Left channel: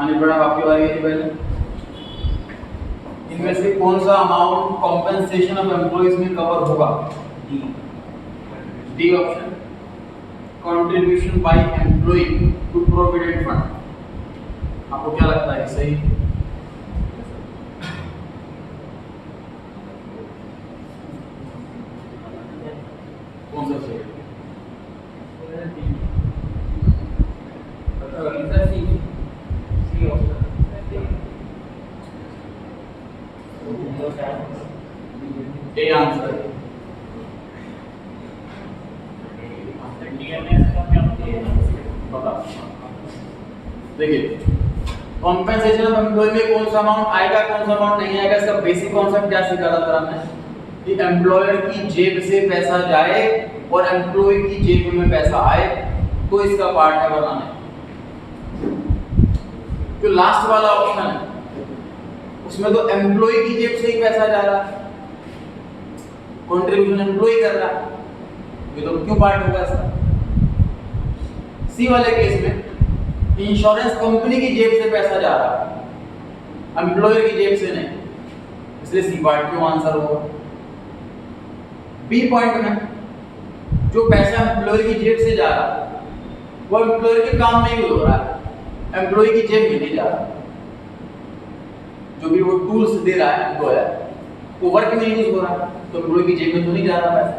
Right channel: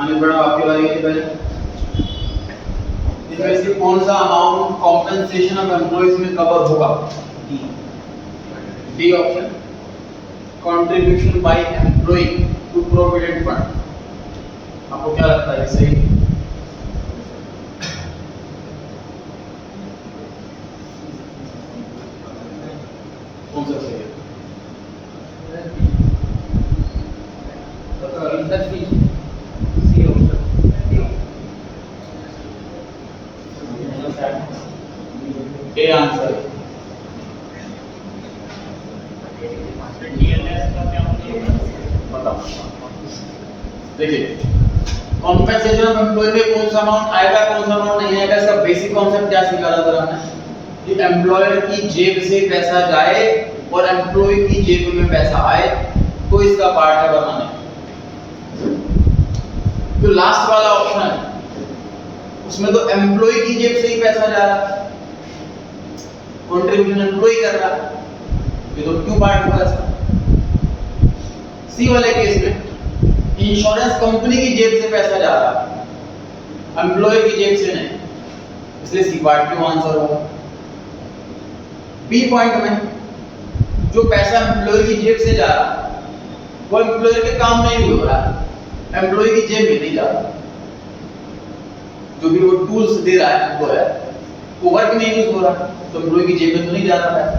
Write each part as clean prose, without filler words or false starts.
आगे बढ़ा, आपकी बारी है पहले। इनमें से कौन सा अमाउंट कॉम्पेंसेशन ऑफ एम्प्लॉइज में कवर होगा? D option, contribution by employer to provident fund. आपको क्या लगता है सही? कौन सा सही है? ए आंसर है। बताओ, देखिए कॉम्पेंसेशन ऑफ एम्प्लॉय में कौन सा अमाउंट आएगा, कौन सा अमाउंट नहीं आएगा, इसका बेसिक कॉन्सेप्ट क्या सीखा था हमने कि एम्प्लॉयर की जेब से पैसा जाए और एम्प्लॉय की जेब में पैसा आए, तो इसका पार्ट है बनाने। तो लास्ट वाला ऑप्शन है उसमें तो एम्प्लॉय की जेब से ही पैसा जा रहा है, कंट्रीब्यूशन एम्प्लॉय कर रहा है, ये तो क्यों पार्ट होगा इसका? सी वाले केस में इंश्योरेंस कंपनी की जेब से पैसा जा रहा है, एम्प्लॉयर की जेब से नहीं, इसलिए सी पार्ट क्यों आंसर होगा। बी पॉइंट में जो पैसा एम्प्लॉयर की जेब से जा रहा है वो एम्प्लॉयर के काम में यूज हो रहा है, एम्प्लॉय की जेब में नहीं जा रहा। जो भी वो टूल्स दे रहा है एम्प्लॉयर वो वर्क में यूज हो रहा है, तो एम्प्लॉय की जेब में तो नहीं जा रहा पैसा,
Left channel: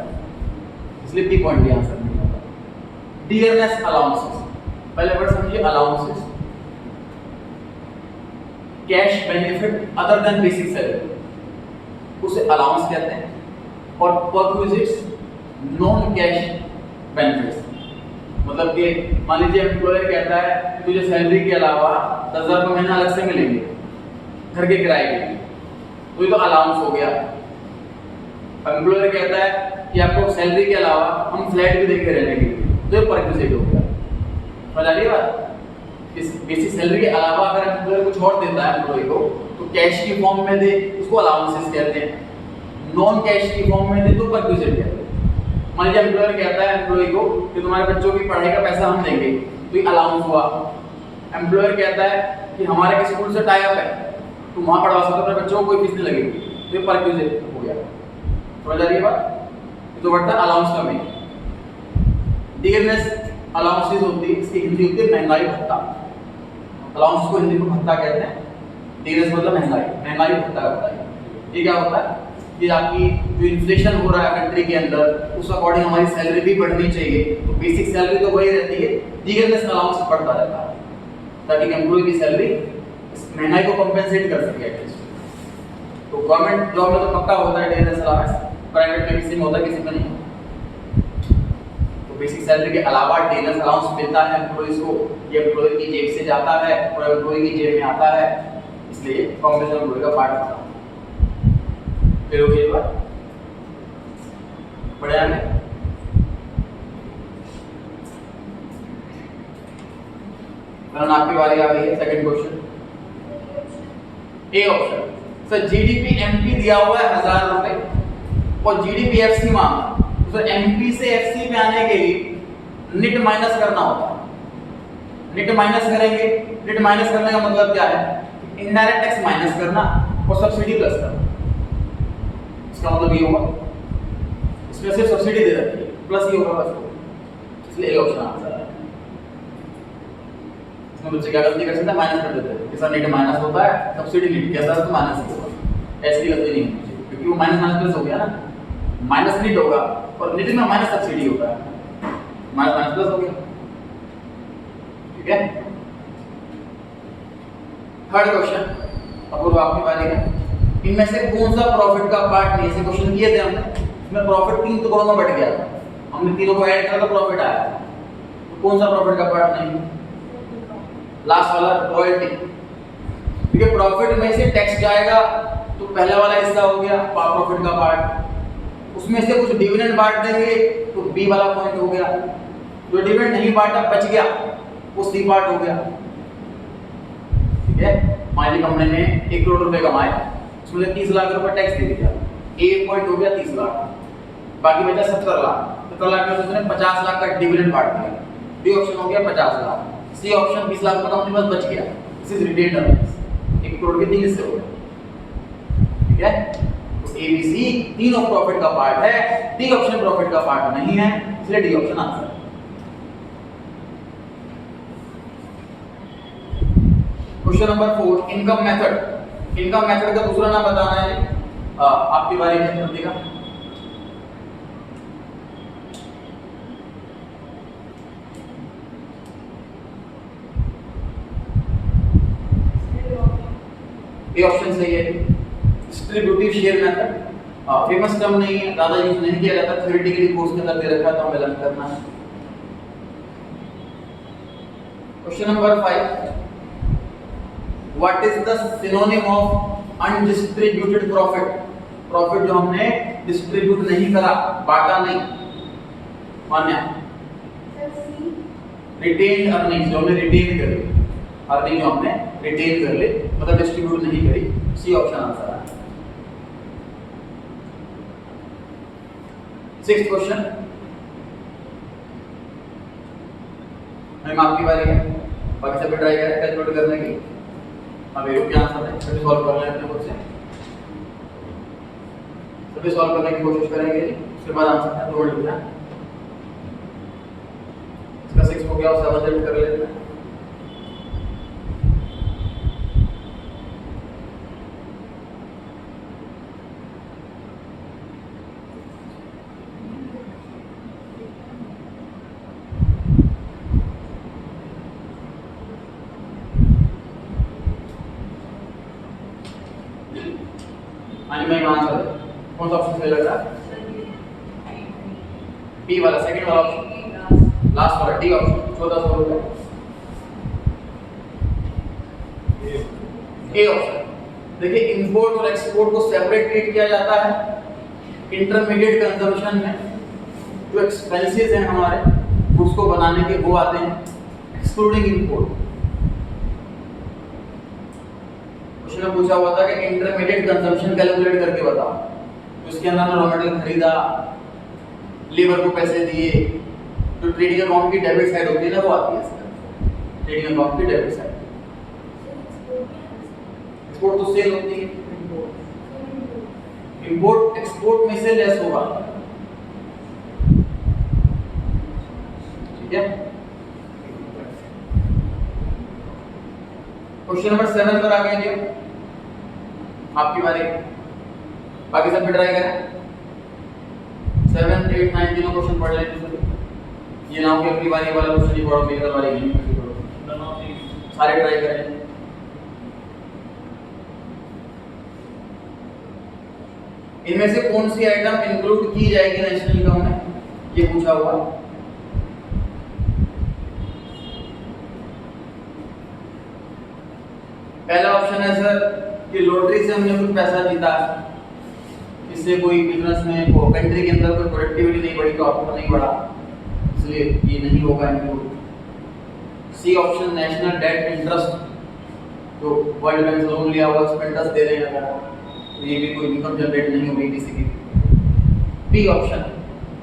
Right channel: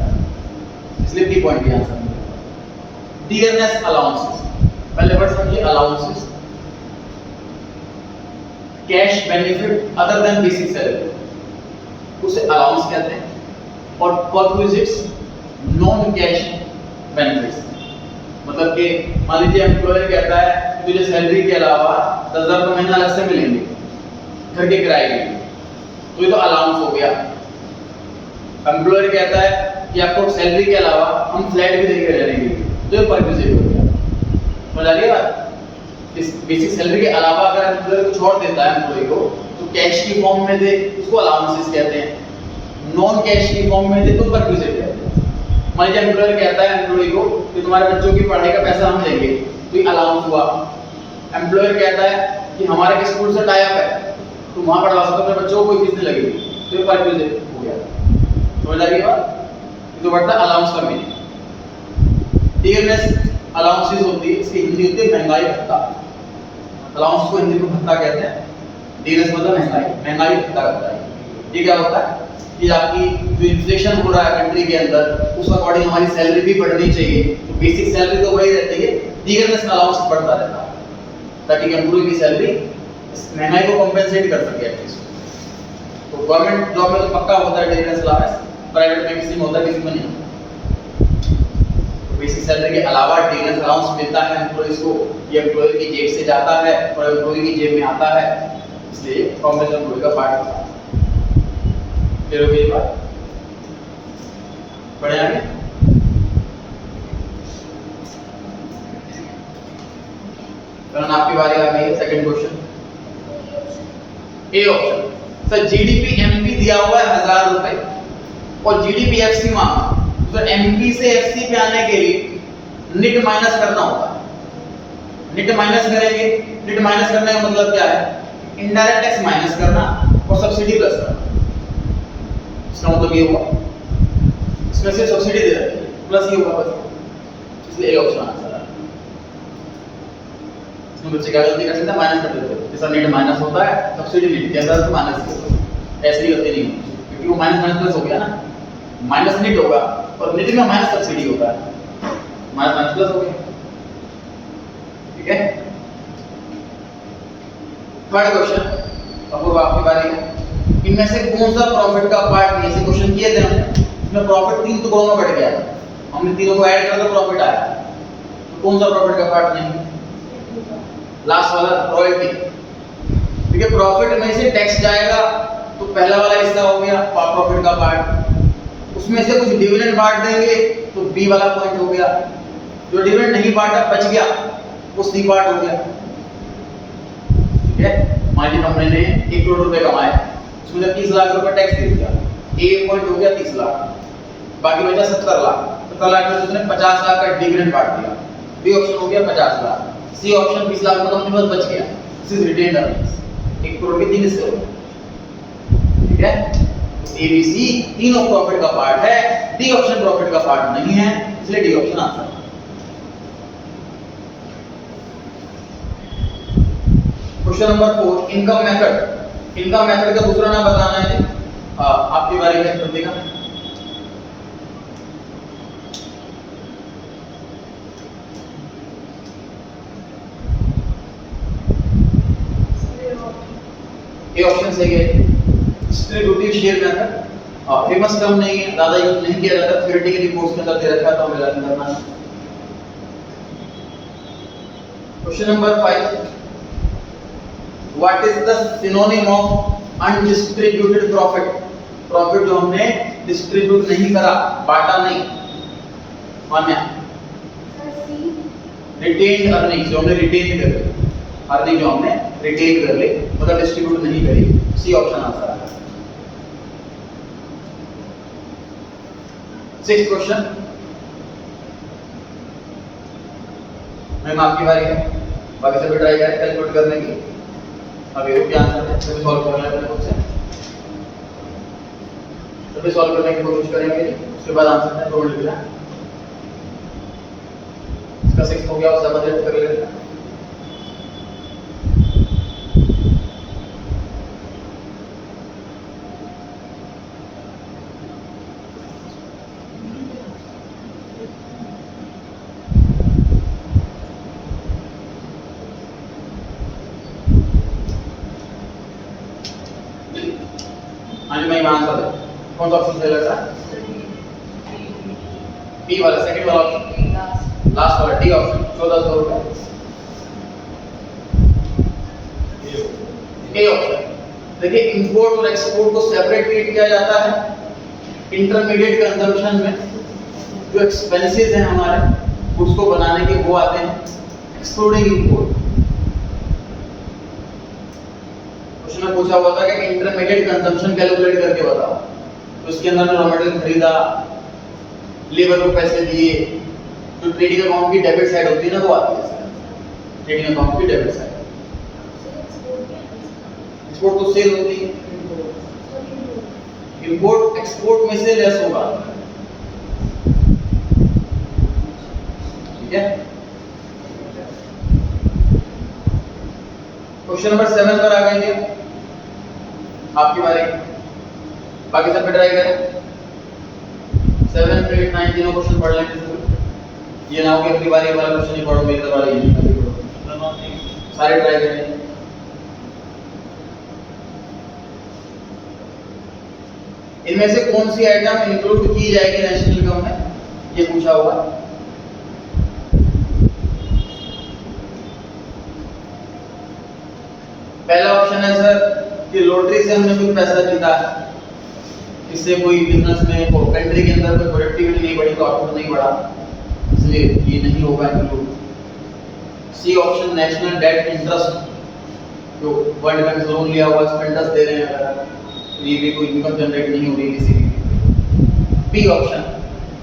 इसलिए बी पॉइंट का आंसर नहीं होगा। डियरनेस अलाउंसेस, पहले वर्ड समझिए, allowances cash benefit other than basic salary, उसे अलाउंस कहते हैं। और परक्विजिट्स नॉन कैश बेनिफिट्स, मतलब कि मान लीजिए एम्प्लॉयर कहता है तुझे सैलरी के अलावा 10,000 रुपये महीना अलग से मिलेंगे घर के किराए के, तो ये तो अलाउंस हो गया। एम्प्लॉयर कहता है कि आपको सैलरी के अलावा हम फ्लैट भी देके रह लेंगे, तो ये परक्विजिट हो गया। समझ आ रही है बात? इस बेसिक सैलरी के अलावा अगर एम्प्लॉयर को छोड़ देता है एम्प्लॉय को, तो कैश की फॉर्म में दे, उसको अलाउंसेस कहते हैं। नॉन कैश की फॉर्म में दे तो परक्विजिट कहते हैं। मान लीजिए एम्प्लॉयर कहता है एम्प्लॉय को कि तुम्हारे बच्चों की पढ़ाई का पैसा हम देंगे, तो ये अलाउंस हुआ। एम्प्लॉयर कहता है कि हमारे स्कूल से टाई अप है, तुम वहां पढ़वा सकते हो अपने बच्चों को, कोई फीस नहीं लगेगी, तो ये परक्विजिट हो गया। समझ आ रही है बात? तो बढ़ता अलाउंस का मीनिंग। डियरनेस अलाउंसेस होती है, इसकी हिंदी होती है महंगाई भत्ता। अलाउंस को हिंदी में भत्ता कहते हैं, डियरनेस मतलब महंगाई भत्ता होता है। ये क्या होता है कि आपकी जो इन्फ्लेशन हो रहा है कंट्री के अंदर, उस अकॉर्डिंग हमारी सैलरी भी बढ़नी चाहिए, तो बेसिक सैलरी तो वही रहती है, डियरनेस अलाउंस बढ़ता रहता है ताकि एम्प्लॉय की सैलरी महंगाई को कंपेंसेट कर सके एटलीस्ट। तो गवर्नमेंट जॉब में तो पक्का होता है डियरनेस अलाउंस, प्राइवेट में किसी में होता है किसी में नहीं। तो बेसिक सैलरी के अलावा डियरनेस अलाउंस मिलता है एम्प्लॉयज को, ये एम्प्लॉय की जेब से जाता है और एम्प्लॉय की जेब में आता है, इसलिए कॉम्पेंसेशन एम्प्लॉय का पार्ट होता है। फिर हो गई बात, बढ़े आगे। करण आपकी बारी आ गई है, second question. A option, sir GDP MP दिया हुआ है 1000 रुपए और जीडीपी एफसी मांगा, तो सर एमपी से एफसी पे आने के लिए निट माइनस करना होता है। निट माइनस करेंगे, निट माइनस करने का मतलब क्या है? इनडायरेक्ट टैक्स माइनस करना और सब्सिडी प्लस करना। इसका मतलब ये हुआ इसमें से सब्सिडी दे रखी है, प्लस ये होगा बस, इसलिए ए ऑप्शन आंसर है। इसमें बच्चे क्या गलती कर सकते हैं? माइनस कर देते हैं। जैसा नेट माइनस होता है, सब्सिडी नेट के अंदर तो माइनस ही होगा, ऐसी गलती नहीं होगी, क्योंकि वो माइनस माइनस प्लस हो गया ना, माइनस नेट होगा और नेट में माइनस सब्सिडी होता है, माइनस माइनस प्लस हो गया। ठीक है, थर्ड क्वेश्चन, अपूर्व आपकी बारी है। इनमें से कौन सा प्रॉफिट का पार्ट नहीं? ऐसे क्वेश्चन किए थे हमने, इसमें प्रॉफिट 3 टुकड़ों में बट गया था, हमने तीनों को ऐड किया तो प्रॉफिट आया, तो कौन सा प्रॉफिट का पार्ट नहीं? लास्ट वाला रॉयल्टी। ठीक है, प्रॉफिट में से टैक्स जाएगा तो पहला वाला हिस्सा हो गया प्रॉफिट का पार्ट, उसमें से कुछ डिविडेंड बांट देंगे तो बी वाला पॉइंट हो गया, जो डिविडेंड नहीं बांटा बच गया वो सी पार्ट हो गया। ठीक है, मान लीजिए कंपनी ने 1 करोड़ रुपए कमाए, उसमें से 30 लाख रुपए टैक्स दे दिया, ए पॉइंट हो गया 30 लाख, बाकी बचा 70 लाख। 70 लाख में उसने 50 लाख का डिविडेंड बांट दिया, बी ऑप्शन हो गया 50 लाख। सी ऑप्शन 20 लाख का कंपनी बस बच गया, this is retained earnings. 1 crore के 3 हिस्से हो गए, ठीक है। तो एबीसी तीनों प्रॉफिट का पार्ट है, डी ऑप्शन प्रॉफिट का पार्ट नहीं है, इसलिए डी ऑप्शन आंसर है। Question number 4, income method. Income method का दूसरा नाम बताना है। आपकी बारी है प्रतिका। ये ऑप्शन सही है, distributive share method. Famous term नहीं है, ज्यादा यूज नहीं किया जाता, थ्योरेटिकली कोर्स में दे रखा था, हमें लर्न करना है। Question number 5, what is the synonym of undistributed profit? Profit जो हमने डिस्ट्रीब्यूट नहीं करा, बांटा नहीं, मान्य। रिटेन्ड अर्निंग, जो हमने रिटेन कर ली, अर्निंग जो हमने रिटेन कर ली, मतलब डिस्ट्रीब्यूट नहीं करी, सी ऑप्शन आंसर है। 6th क्वेश्चन, मैम आपकी बारी है, बाकी सभी ट्राई करें कैलकुलेट करने की। अभी रुक आंसर है, सभी सॉल्व कर लें अपने खुद से, सभी सॉल्व करने की कोशिश करेंगे, उसके बाद आंसर है 2 लिख लें। इसका 6 हो गया, उसका बदल कर लेते हैं। आंसर कौन सा ऑप्शन सही लग रहा है? बी वाला, सेकंड वाला ऑप्शन, लास्ट वाला, डी ऑप्शन। 1400 रुपए। A option. देखिए, इंपोर्ट और एक्सपोर्ट को सेपरेट ट्रीट किया जाता है। इंटरमीडिएट कंजम्पशन में जो एक्सपेंसेस हैं हमारे, उसको बनाने के वो आते हैं एक्सक्लूडिंग इंपोर्ट। में पूछा हुआ था कि इंटरमीडिएट कंजम्पशन कैलकुलेट करके बताओ, तो इसके अंदर रॉ मटेरियल खरीदा, लेबर को पैसे दिए, जो ट्रेडिंग अकाउंट की डेबिट साइड होती है ना, वो आती है इसके अंदर, ट्रेडिंग अकाउंट की डेबिट साइड। एक्सपोर्ट तो सेल होती है, इंपोर्ट एक्सपोर्ट में से लेस होगा, ठीक है। क्वेश्चन नंबर 7 पर आ गए, आपकी बारी, बाकी सब पे ट्राई करें। 7, 8, 9 तीनों क्वेश्चन पढ़ लेंगे। ये ना हो कि अगली बारी वाला क्वेश्चन ही पढ़ो, मेरी बारी ही नहीं पढ़ो, सारे ट्राई करें। इनमें से कौन सी आइटम इंक्लूड की जाएगी नेशनल इनकम में, ये पूछा हुआ। पहला ऑप्शन है सर कि लॉटरी से हमने कुछ पैसा जीता है, इससे कोई बिजनेस में कंट्री के अंदर कोई प्रोडक्टिविटी नहीं बढ़ी, तो आउटपुट नहीं बढ़ा, इसलिए ये नहीं होगा include. C option, national debt interest, जो वर्ल्ड बैंक से लोन लिया हुआ उस पर इंटरेस्ट दे रहे हैं, अगर तो ये भी कोई इनकम जनरेट नहीं हो रही किसी की। B option,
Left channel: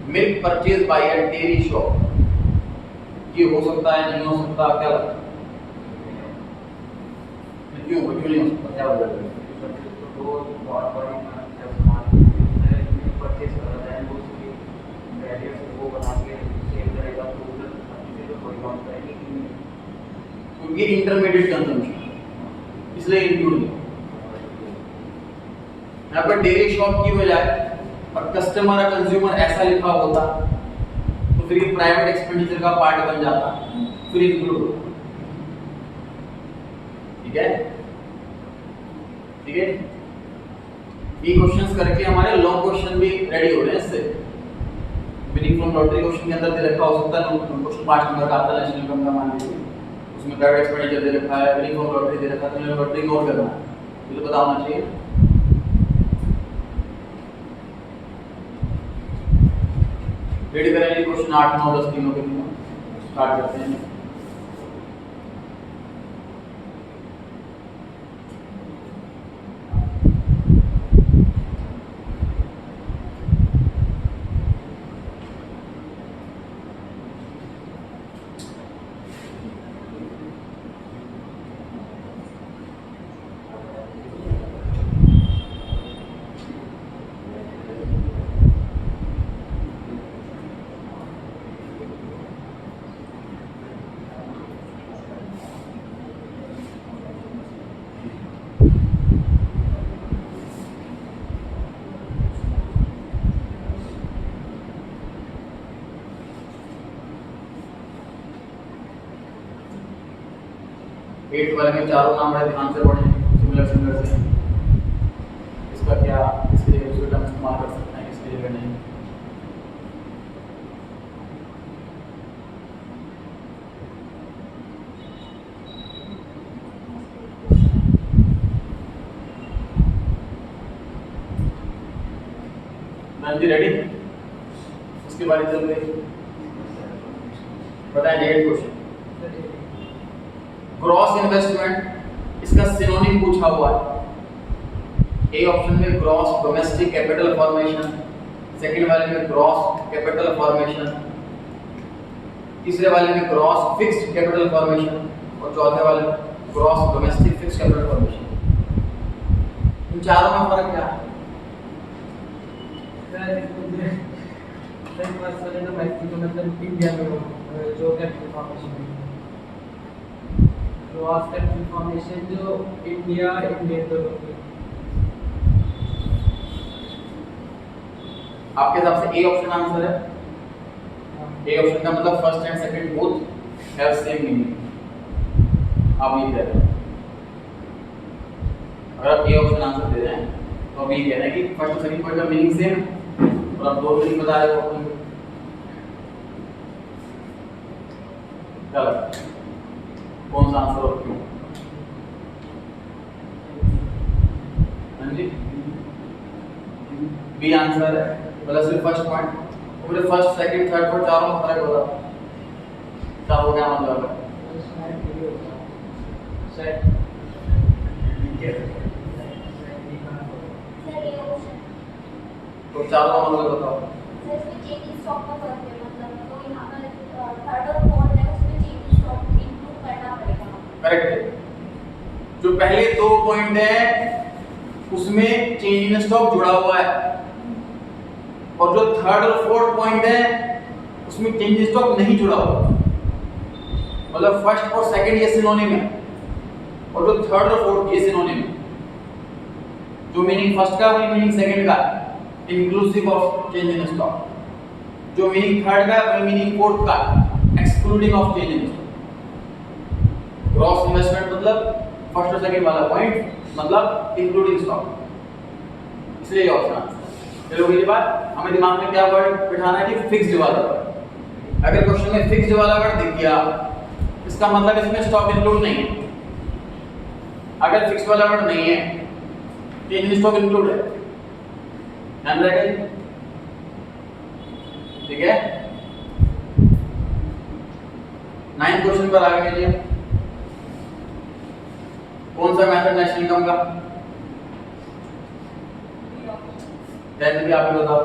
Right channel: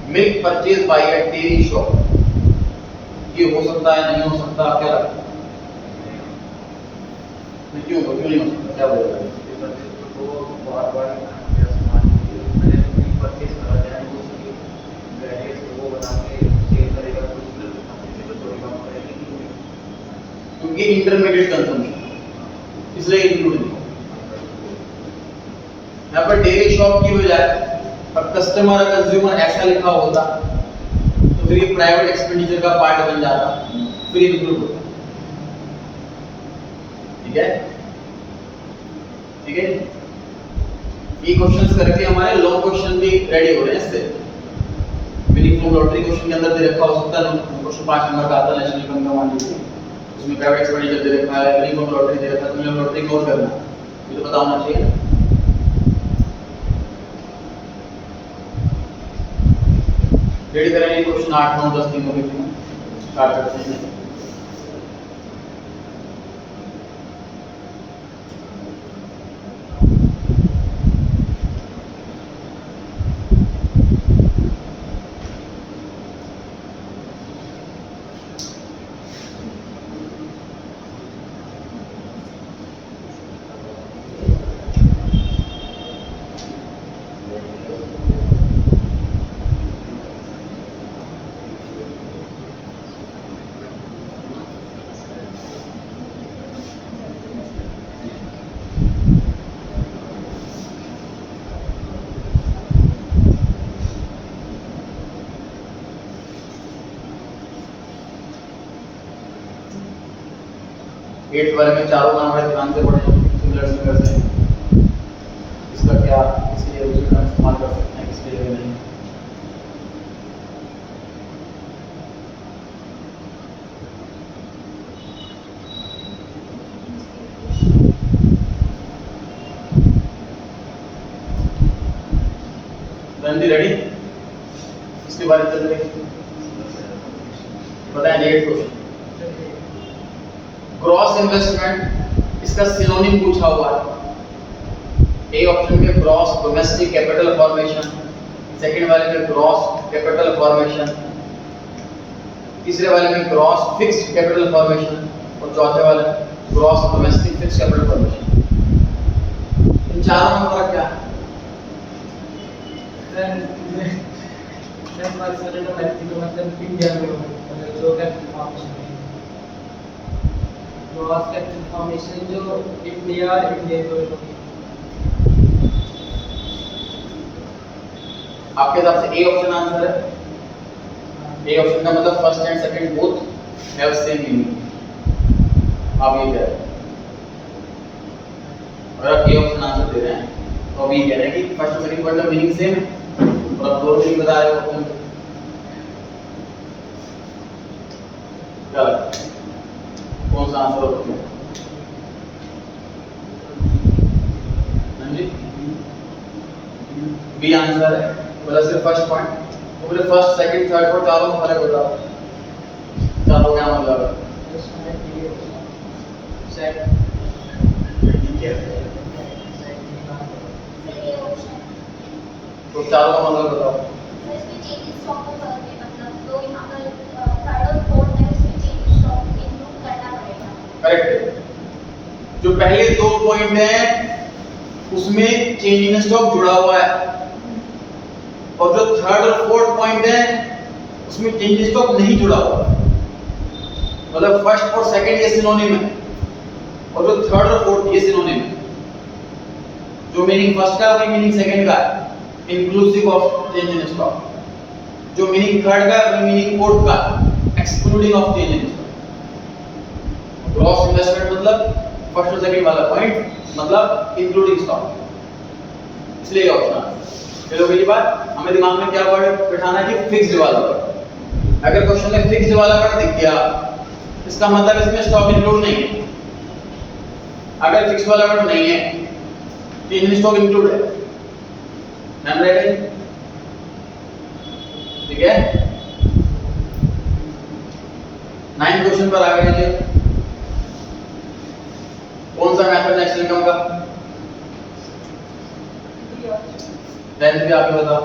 milk purchase by a dairy shop, ये हो सकता है, नहीं हो सकता, क्या लगता है? क्यों नहीं हो सकता, क्या बोल रहे हैं? तो बहुत बार सामान परचेज करा जाए, वो बना के सेल करेगा, तो थोड़ी कम करेगी, क्योंकि इंटरमीडिएट कंजम्पशन, इसलिए इंक्लूड नहीं। यहाँ पर डेयरी शॉप की बजाय और कस्टमर और कंज्यूमर ऐसा लिखा होता तो फिर ये प्राइवेट एक्सपेंडिचर का पार्ट बन जाता, फिर इंक्लूड होता, ठीक है। ठीक है, ये क्वेश्चंस करके हमारे लॉन्ग क्वेश्चन भी रेडी हो रहे हैं इससे। विनिंग फ्रॉम लॉटरी क्वेश्चन के अंदर दे रखा हो सकता है, क्वेश्चन 5 नंबर का आता है नेशनल इनकम का, मान लीजिए उसमें प्राइवेट एक्सपेंडिचर दे रखा है, विनिंग फ्रॉम लॉटरी दे रखा है, तो लॉटरी इग्नोर करना है, ये तो पता होना चाहिए। रेडी करेंगे क्वेश्चन 8, 9, 10 तीनों के स्टार्ट करते हैं। 8th वाले में चारों नाम बड़े ध्यान से पढ़ें, सिमिलर से इसका क्या इसके रिजल्ट हम इस्तेमाल कर सकते हैं, इसके जगह नहीं। रणजी रेडी? इसके बारे में चल रही बताएं। 8 क्वेश्चन, ग्रॉस इन्वेस्टमेंट इसका सिनोनिम पूछा हुआ है। ए ऑप्शन में gross domestic capital formation, second वाले में ग्रॉस कैपिटल फॉर्मेशन, तीसरे वाले में ग्रॉस फिक्स्ड कैपिटल फॉर्मेशन और चौथे वाले में gross domestic fixed capital formation. इन चारों में फर्क क्या है? मतलब इंडिया में जो कैपिटल फॉर्मेशन है, ग्रॉस कैपिटल फॉर्मेशन जो इंडिया को आपके हिसाब से ए ऑप्शन आंसर है? ए ऑप्शन का मतलब first and second both have same meaning. आप ये कह रहे हैं, अगर आप ए ऑप्शन आंसर दे रहे हैं तो आप ये कह रहे हैं कि फर्स्ट और सेकंड वर्ड का मीनिंग सेम है और आप दो मीनिंग बता रहे हो। क्या लगता है कौन सा आंसर होगा? जी बी आंसर है। बोला सिर्फ फर्स्ट पॉइंट, तो बोले फर्स्ट सेकंड थर्ड फोर्थ चारों में फर्क होता है। क्या हो गया मतलब? तो चारों का मतलब बताओ। करेक्ट है। जो पहले दो पॉइंट है उसमें चेंज इन स्टॉक जुड़ा हुआ है और जो थर्ड और फोर्थ पॉइंट है उसमें चेंज इन स्टॉक नहीं जुड़ा हुआ। मतलब फर्स्ट और सेकंड ये सिनोनिम है और जो थर्ड और फोर्थ ये सिनोनिम है। जो मीनिंग फर्स्ट का वही मीनिंग सेकंड का inclusive of change in stock. जो मीनिंग थर्ड का वही मीनिंग फोर्थ का excluding of change in stock. Gross investment मतलब फर्स्ट और सेकंड वाला पॉइंट मतलब इंक्लूडिंग स्टॉक, इसलिए ऑप्शन। चलो अगली बात, हमें दिमाग में क्या वर्ड बिठाना है कि फिक्स्ड वाला वर्ड। अगर क्वेश्चन में फिक्स्ड वाला वर्ड दिख गया इसका मतलब इसमें स्टॉक इंक्लूड नहीं है। अगर फिक्स्ड वाला वर्ड नहीं है तो इन स्टॉक इंक्लूड है। ध्यान रखें, ठीक है। 9th क्वेश्चन पर आगे लीजिए। कौन सा मेथड नेशनल इनकम का? टेंथ भी आपको बताओ।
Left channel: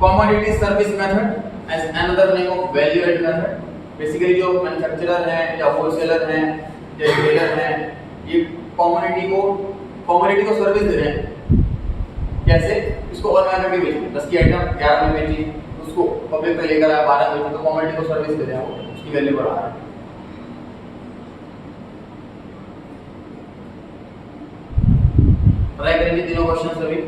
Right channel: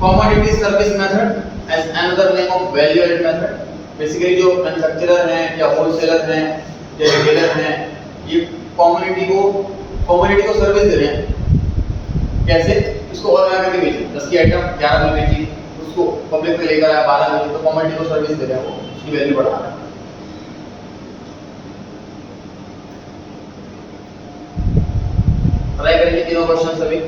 Commodity service method as another name of value added method. Basically जो मैन्युफैक्चरर हैं या होलसेलर हैं या रिटेलर हैं ये कमोडिटी को सर्विस दे रहे हैं। कैसे? इसको और महंगा के बेची, 10 की आइटम 11 में बेची, उसको पब्लिक पे लेकर आया 12 में, तो कमोडिटी को सर्विस दे रहे हैं, वो उसकी वैल्यू बढ़ा रहे हैं। ट्राई करेंगे तीनों क्वेश्चन सभी।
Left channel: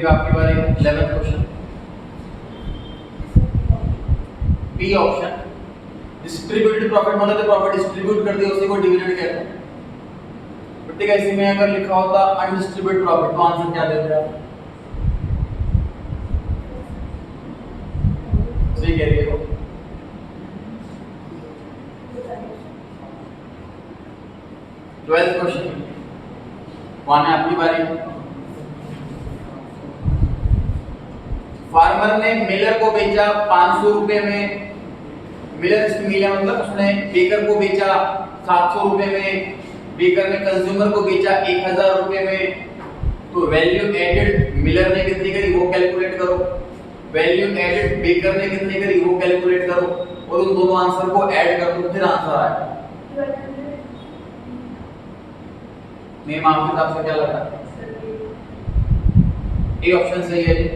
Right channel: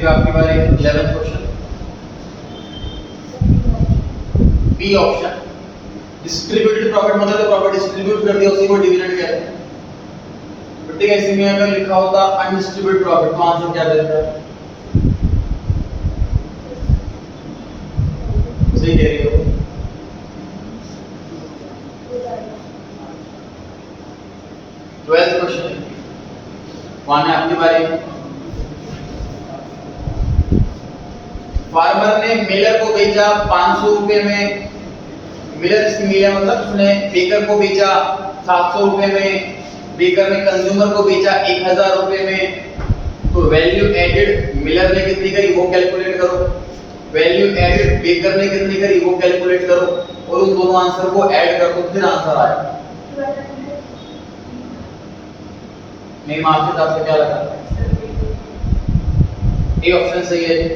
आपकी बार 11th question, B option. Distributed profit मतलब तो प्रॉफिट डिस्ट्रीब्यूट कर दिया उसी को डिविडेंड कहते हैं। ठीक है, इसी में अगर लिखा होता अनडिस्ट्रीब्यूटेड प्रॉफिट तो आंसर क्या देता? सही कह रही हो। ट्वेल्थ क्वेश्चन, वहां आपकी बारी। फार्मर ने मिलर को बेचा 500 रुपए में, मिलर इसकी मिल है मतलब उसने बेकर को बेचा 700 रुपए में, बेकर ने कंज्यूमर को बेचा 1000 रुपए में, तो वैल्यू एडेड मिलर ने कितनी करी वो कैलकुलेट करो, वैल्यू एडेड बेकर ने कितनी करी वो कैलकुलेट करो, और उन दोनों आंसर को ऐड कर दो, फिर आंसर आएगा। मेरी मां के हिसाब से क्या लगा? ए ऑप्शन सही है जी।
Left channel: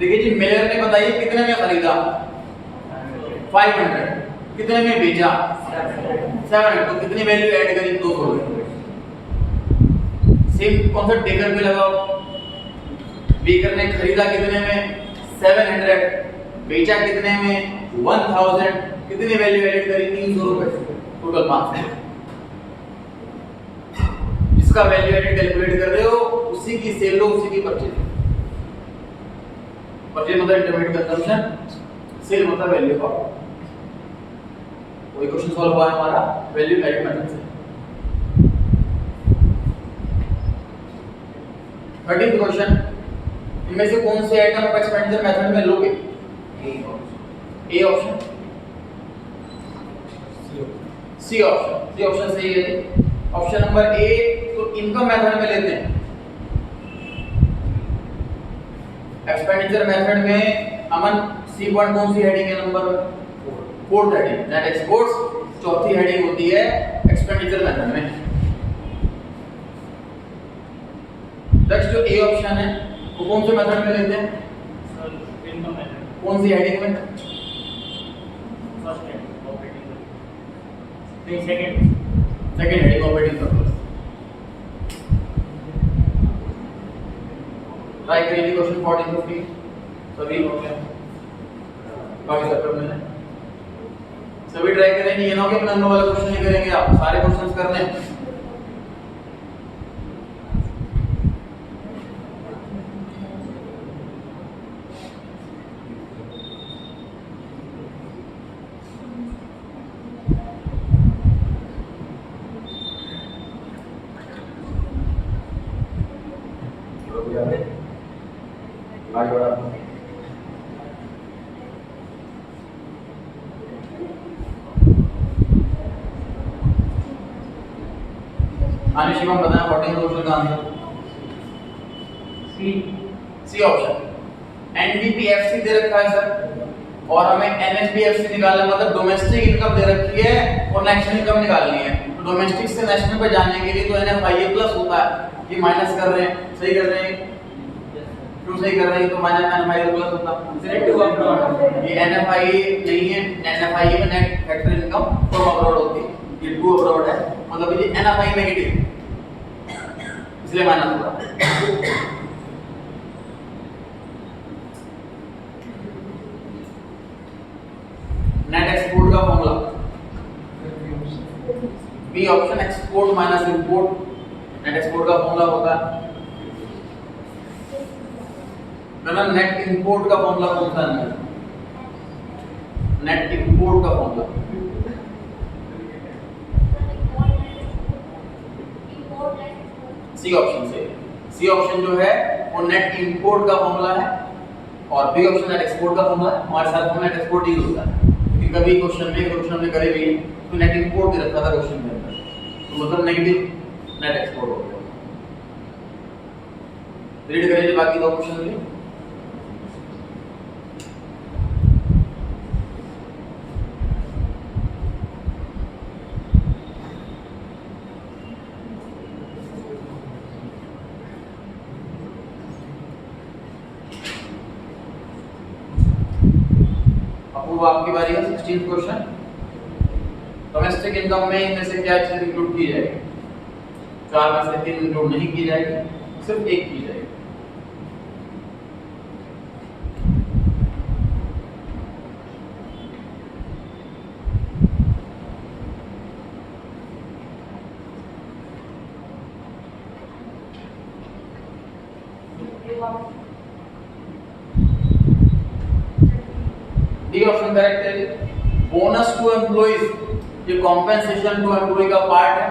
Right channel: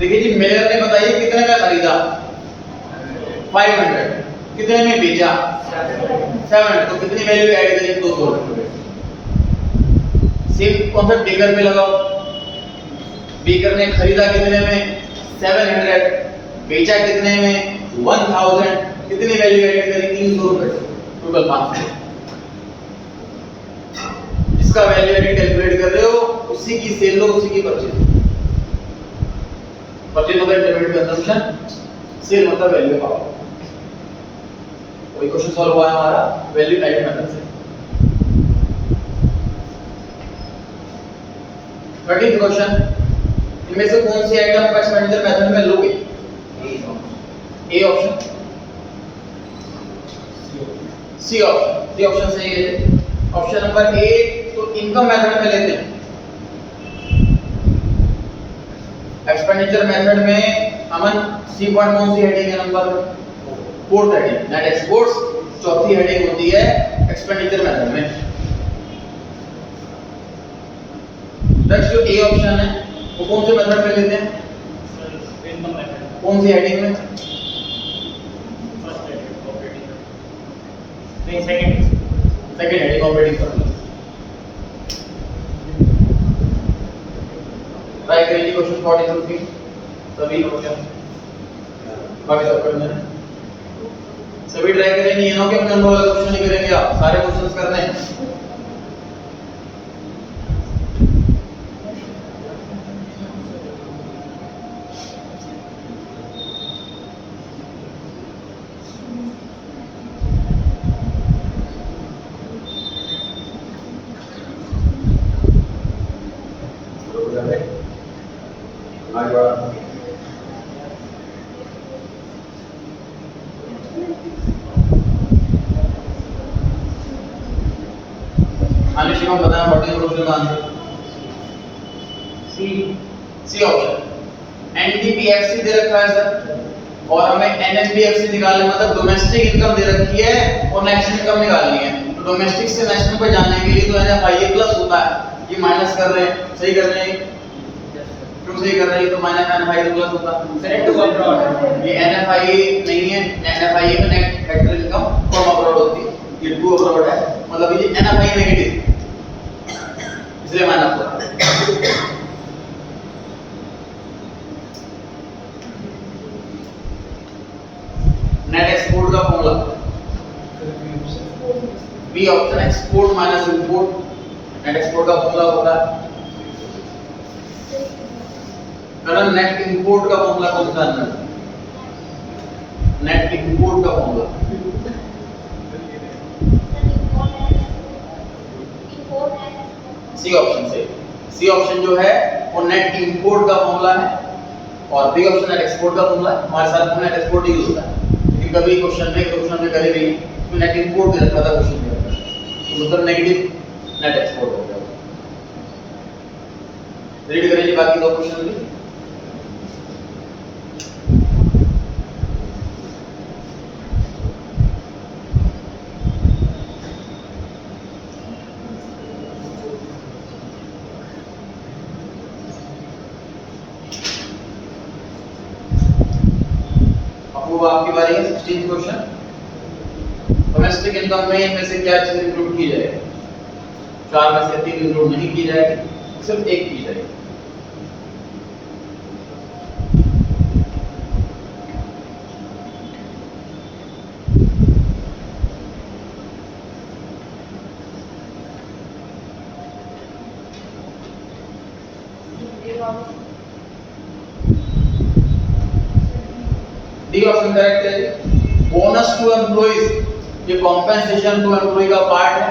देखिए जी, मिलर ने बताइए कितने में खरीदा 500, कितने में बेचा 700, तो कितनी वैल्यू ऐड करी 200 रुपए। सेम कॉन्सेप्ट बेकर पे लगाओ, बेकर ने खरीदा कितने में 700, बेचा कितने में 1000, कितनी वैल्यू ऐड करी 300 रुपए, टोटल 500। जिसका वैल्यू एडेड कैलकुलेट कर रहे हो उसी की सेल लो, उसी की परचेज। परचेज मतलब इंटरमीडिएट कंजम्पशन, सेल मतलब वैल्यू पाओ। कोई क्वेश्चन सॉल्व हुआ है हमारा वैल्यू एडेड मेथड से। 13th क्वेश्चन, इनमें से कौन सी आइटम आप एक्सपेंडिचर मेथड में लोगे? A option, C option, C option सही है। ऑप्शन नंबर ए तो इनकम मेथड में लेते हैं। एक्सपेंडिचर मेथड में अमन सी पॉइंट कौन सी हेडिंग है? Number 4th heading, net exports. चौथी हेडिंग होती है एक्सपेंडिचर मेथड में। नेक्स्ट जो ए ऑप्शन है वो कौन से मेथड में लेते हैं? Sir income method. कौन सी हेडिंग में? फर्स्ट हेडिंग ऑपरेटिंग, नहीं second heading operating surplus. Try करिए क्वेश्चन 43 सभी हो गया, बाकी सब करने हैं। सभी ट्राई करेंगे, ये ना हो कि नंबर वाला क्वेश्चन नहीं करेंगे, आप सारे क्वेश्चंस करने हैं। आगे बढ़ा। आने शिवम बताएं 14 क्वेश्चन का आंसर। C option. एनडीपीएफसी दे रखा है सर, और हमें एनएफडीएफसी निकालना, मतलब डोमेस्टिक इनकम दे रखी है और नेशनल इनकम निकालनी है। तो डोमेस्टिक से नेशनल पे जाने के लिए तो एनएफआईए प्लस होता है, ये माइनस कर रहे हैं, सही कर रहे हैं, क्यों सही कर रहे हैं? तो माइनस एनएफआईए प्लस होता है। नेट टू अब्रॉड, ये एनएफआईए नहीं है, एनएफआईए में net factor income from abroad होती है, ये टू अब्रॉड है, मतलब ये एनएफआई नेगेटिव, इसलिए माइनस होता है। नेट एक्सपोर्ट का formula B option, export minus import. Net export का फॉर्मूला होता है, करण नेट इंपोर्ट का फॉर्मूला कौन सा है? नेट इंपोर्ट का फॉर्मूला सी ऑप्शन से। सी ऑप्शन जो है वो नेट इंपोर्ट का फॉर्मूला है, और बी ऑप्शन नेट एक्सपोर्ट का फॉर्मूला है। हमारे साथ नेट एक्सपोर्ट यूज होता है, लेकिन कभी क्वेश्चन में करे भी तो नेट इंपोर्ट दे रखा था क्वेश्चन में, तो मतलब नेगेटिव नेट एक्सपोर्ट हो गया। रीड करेंगे बाकी दो क्वेश्चन भी। अब आपकी बारी है 16th क्वेश्चन। डोमेस्टिक इनकम में इनमें से क्या चीज इंक्लूड की जाएगी? 4 में से 3 इंक्लूड नहीं की जाएगी, सिर्फ एक की जाएगी। डी ऑप्शन करेक्ट है। बोनस टू एम्प्लॉइज, ये कॉम्पेंसेशन टू एम्प्लॉय का पार्ट है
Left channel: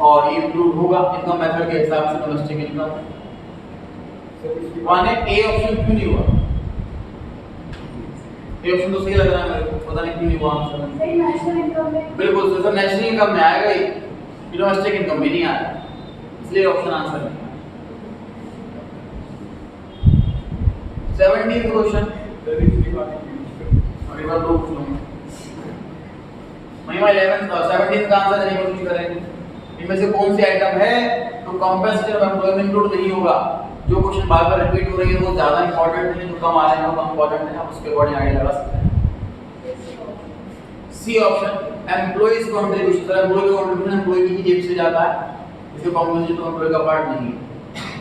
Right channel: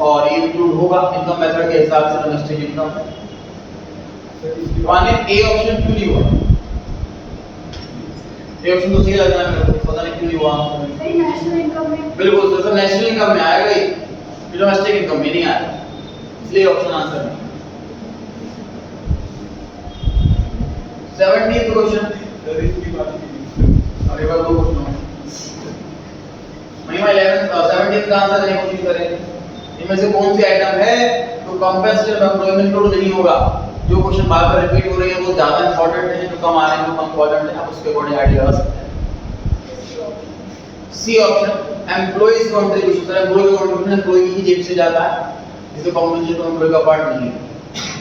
और ये इंक्लूड होगा इनकम मेथड के हिसाब से डोमेस्टिक इनकम। माने ए ऑप्शन क्यों नहीं हुआ? ए ऑप्शन तो सही लग रहा है मेरे को, पता नहीं क्यों नहीं हुआ आंसर। सही नेशनल इनकम में बिल्कुल सर, नेशनल इनकम में आएगा ही, डोमेस्टिक इनकम में नहीं आएगा, इसलिए ऑप्शन आंसर है। 17th क्वेश्चन, अभी बार दो क्वेश्चन होंगे। महिमा 11 17 का आंसर देने की कोशिश करें। इनमें से कौन सी आइटम है तो कंपनसेशन ऑफ एम्प्लॉयमेंट इंक्लूड नहीं होगा? जो क्वेश्चन बार-बार रिपीट हो रही है वो ज्यादा इंपॉर्टेंट है, जो कम आ रहे हैं वो कम इंपॉर्टेंट है, आप उसके अकॉर्डिंग आइडिया लगा सकते हैं। C option, employees contribution, sir employer का कंट्रीब्यूशन एम्प्लॉय की जेब से जाता है, इससे कंपनसेशन टू एम्प्लॉय का पार्ट नहीं है।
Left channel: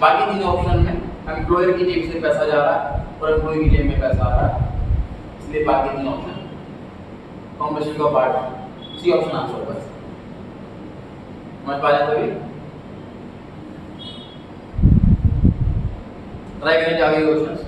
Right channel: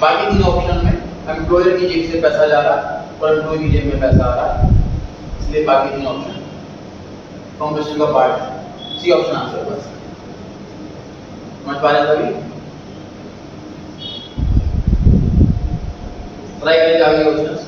बाकी तीन ऑप्शन में एम्प्लॉयर की जेब से पैसा जा रहा है और एम्प्लॉय की जेब में पैसा आ रहा है, इसलिए बाकी तीन ऑप्शन कंपनसेशन का पार्ट है। सी ऑप्शन आंसर बस। समझ पा रहे हैं सभी? ट्राई करेंगे आगे क्वेश्चंस।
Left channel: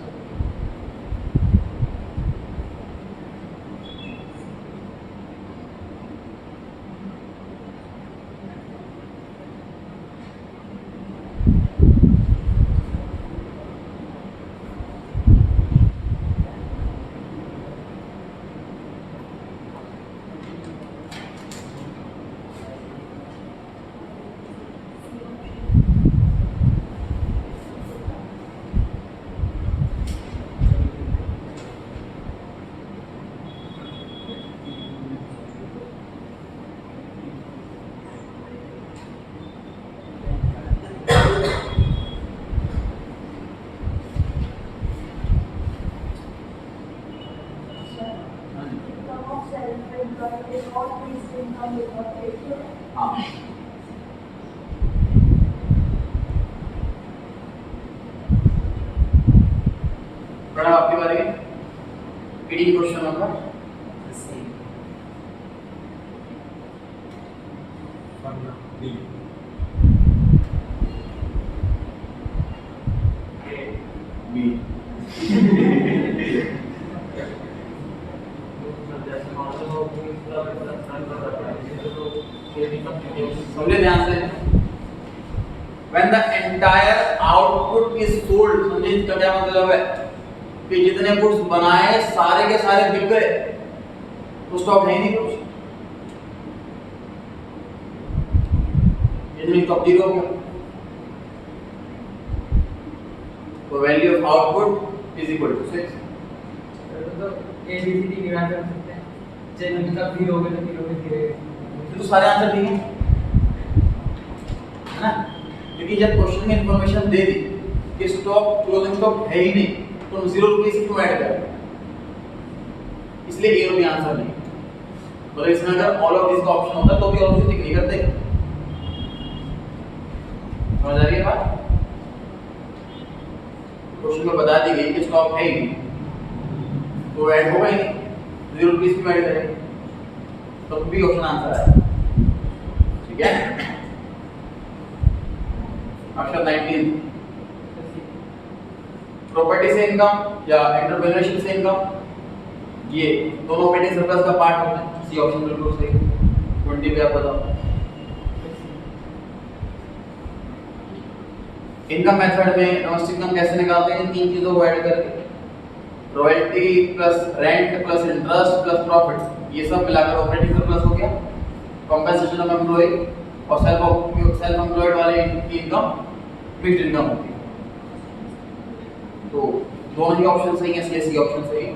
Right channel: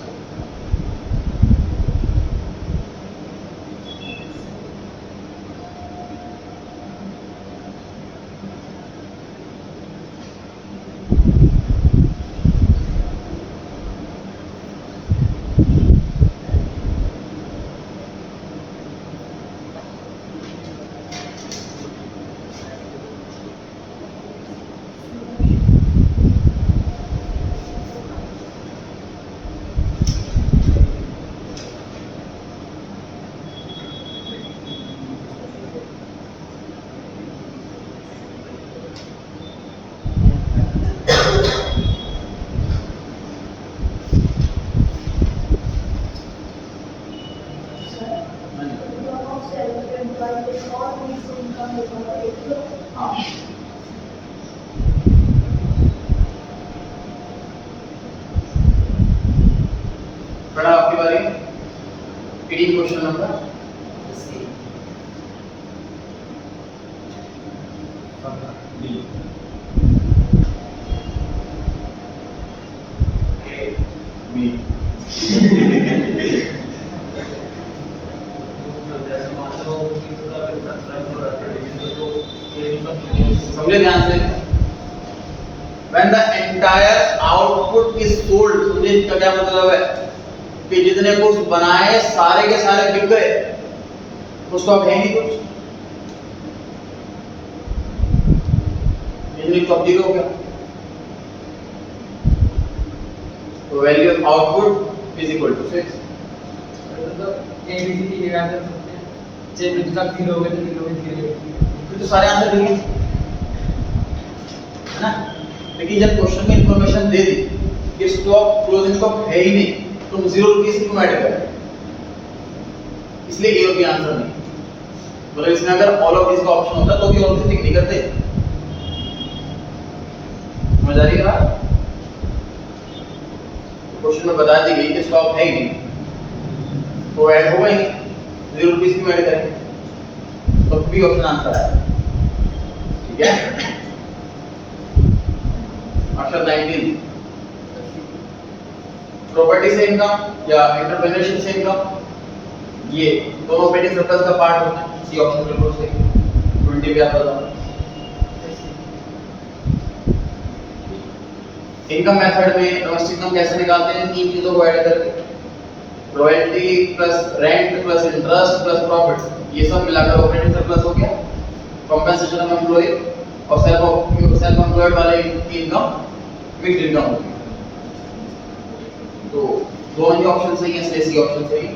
हाँ, बड़ा आपकी बारी। 18 क्वेश्चन नंबर बी। समझे ध्यान से। When the entire output is sold, समझे इसका क्या मतलब है कि जितने कुछ बनाए सारे के सारे बिक गए तो स्टॉक है नहीं कुछ, इतनी स्टॉक जीरो हो गया। तो value of output is equal to 6। A B C D के आंसर सकते हैं, जब इनका 0 हो गया तो 0 में 0 तो सारे आंसर ठीक है ना? लेकिन जब क्वेश्चन में इंफॉर्मेशन दे दी कि स्टॉक क्लोजिंग स्टॉक है ही नहीं, तो 0 रुपीस क्यों ऐड करें? इसलिए ए और बी आंसर नहीं। मतलब इसमें अगर ऑल ऑफ दिस का ऑप्शन होता तो भी ऑल ऑफ दिस टिक नहीं करते। समझ आ रही है बात? क्वेश्चन में बता दी गई कि स्टॉक है ही नहीं तो ऐड होगा ही नहीं, 0 रुपीस क्यों ऐड करें? तो बी ऑप्शन आंसर है। ठीक है। ऑप्शन 19, प्रॉपर्टी से इनकम या एंटरप्रेन्योरशिप से इनकम, ये दोनों ऑपरेटिंग सरप्लस का पार्ट होते हैं। सी ऑप्शन बिल्कुल सही। 20 पे आप बताओ। इनकम मेथड में डोमेस्टिक इनकम कैसे निकालते हैं? तीन चीजों को ऐड करके, royalty plus rent plus interest plus profit, ये सब मिलाकर ऑपरेटिंग सरप्लस हो गया। कंपनसेशन ऑफ एम्प्लॉय और सेल्फ एम्प्लॉयड वाले की इनकम मिक्स्ड इनकम होगी। तो दोनों ही ऑप्शन सही हैं, इसलिए सी ऑप्शन सही है।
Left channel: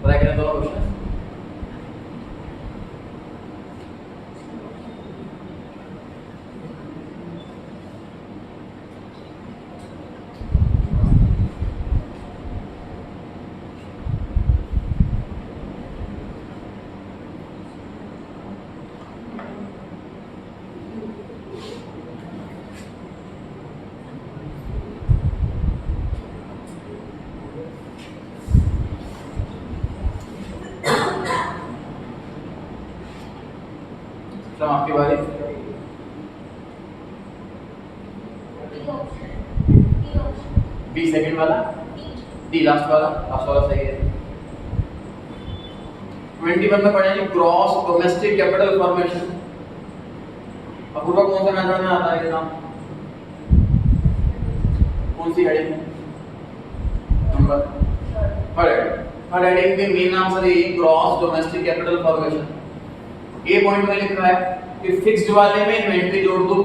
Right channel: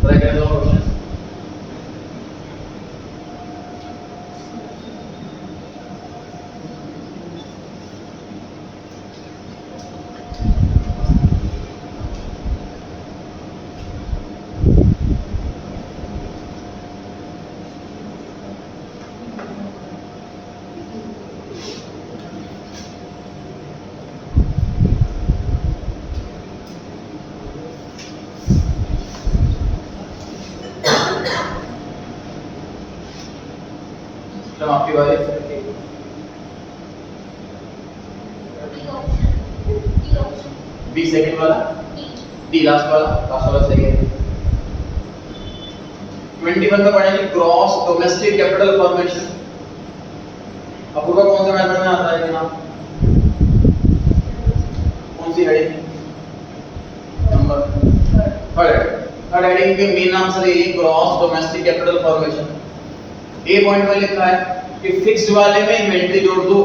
ट्राई करें दोनों क्वेश्चन। आपकी बारी। डी सेकंड वाला, डी लास्ट वाला सही है। 21 में पढ़ेंगे gross domestic capital formation. Apurva कौन सा मेथड में आता है ये नाम? कौन सी हेडिंग? नंबर थर्ड हेडिंग के मेन नाम से ये gross domestic capital formation. A point में लिखा है कि फिक्स्ड वाले में इन्वेंटरी जोड़ दो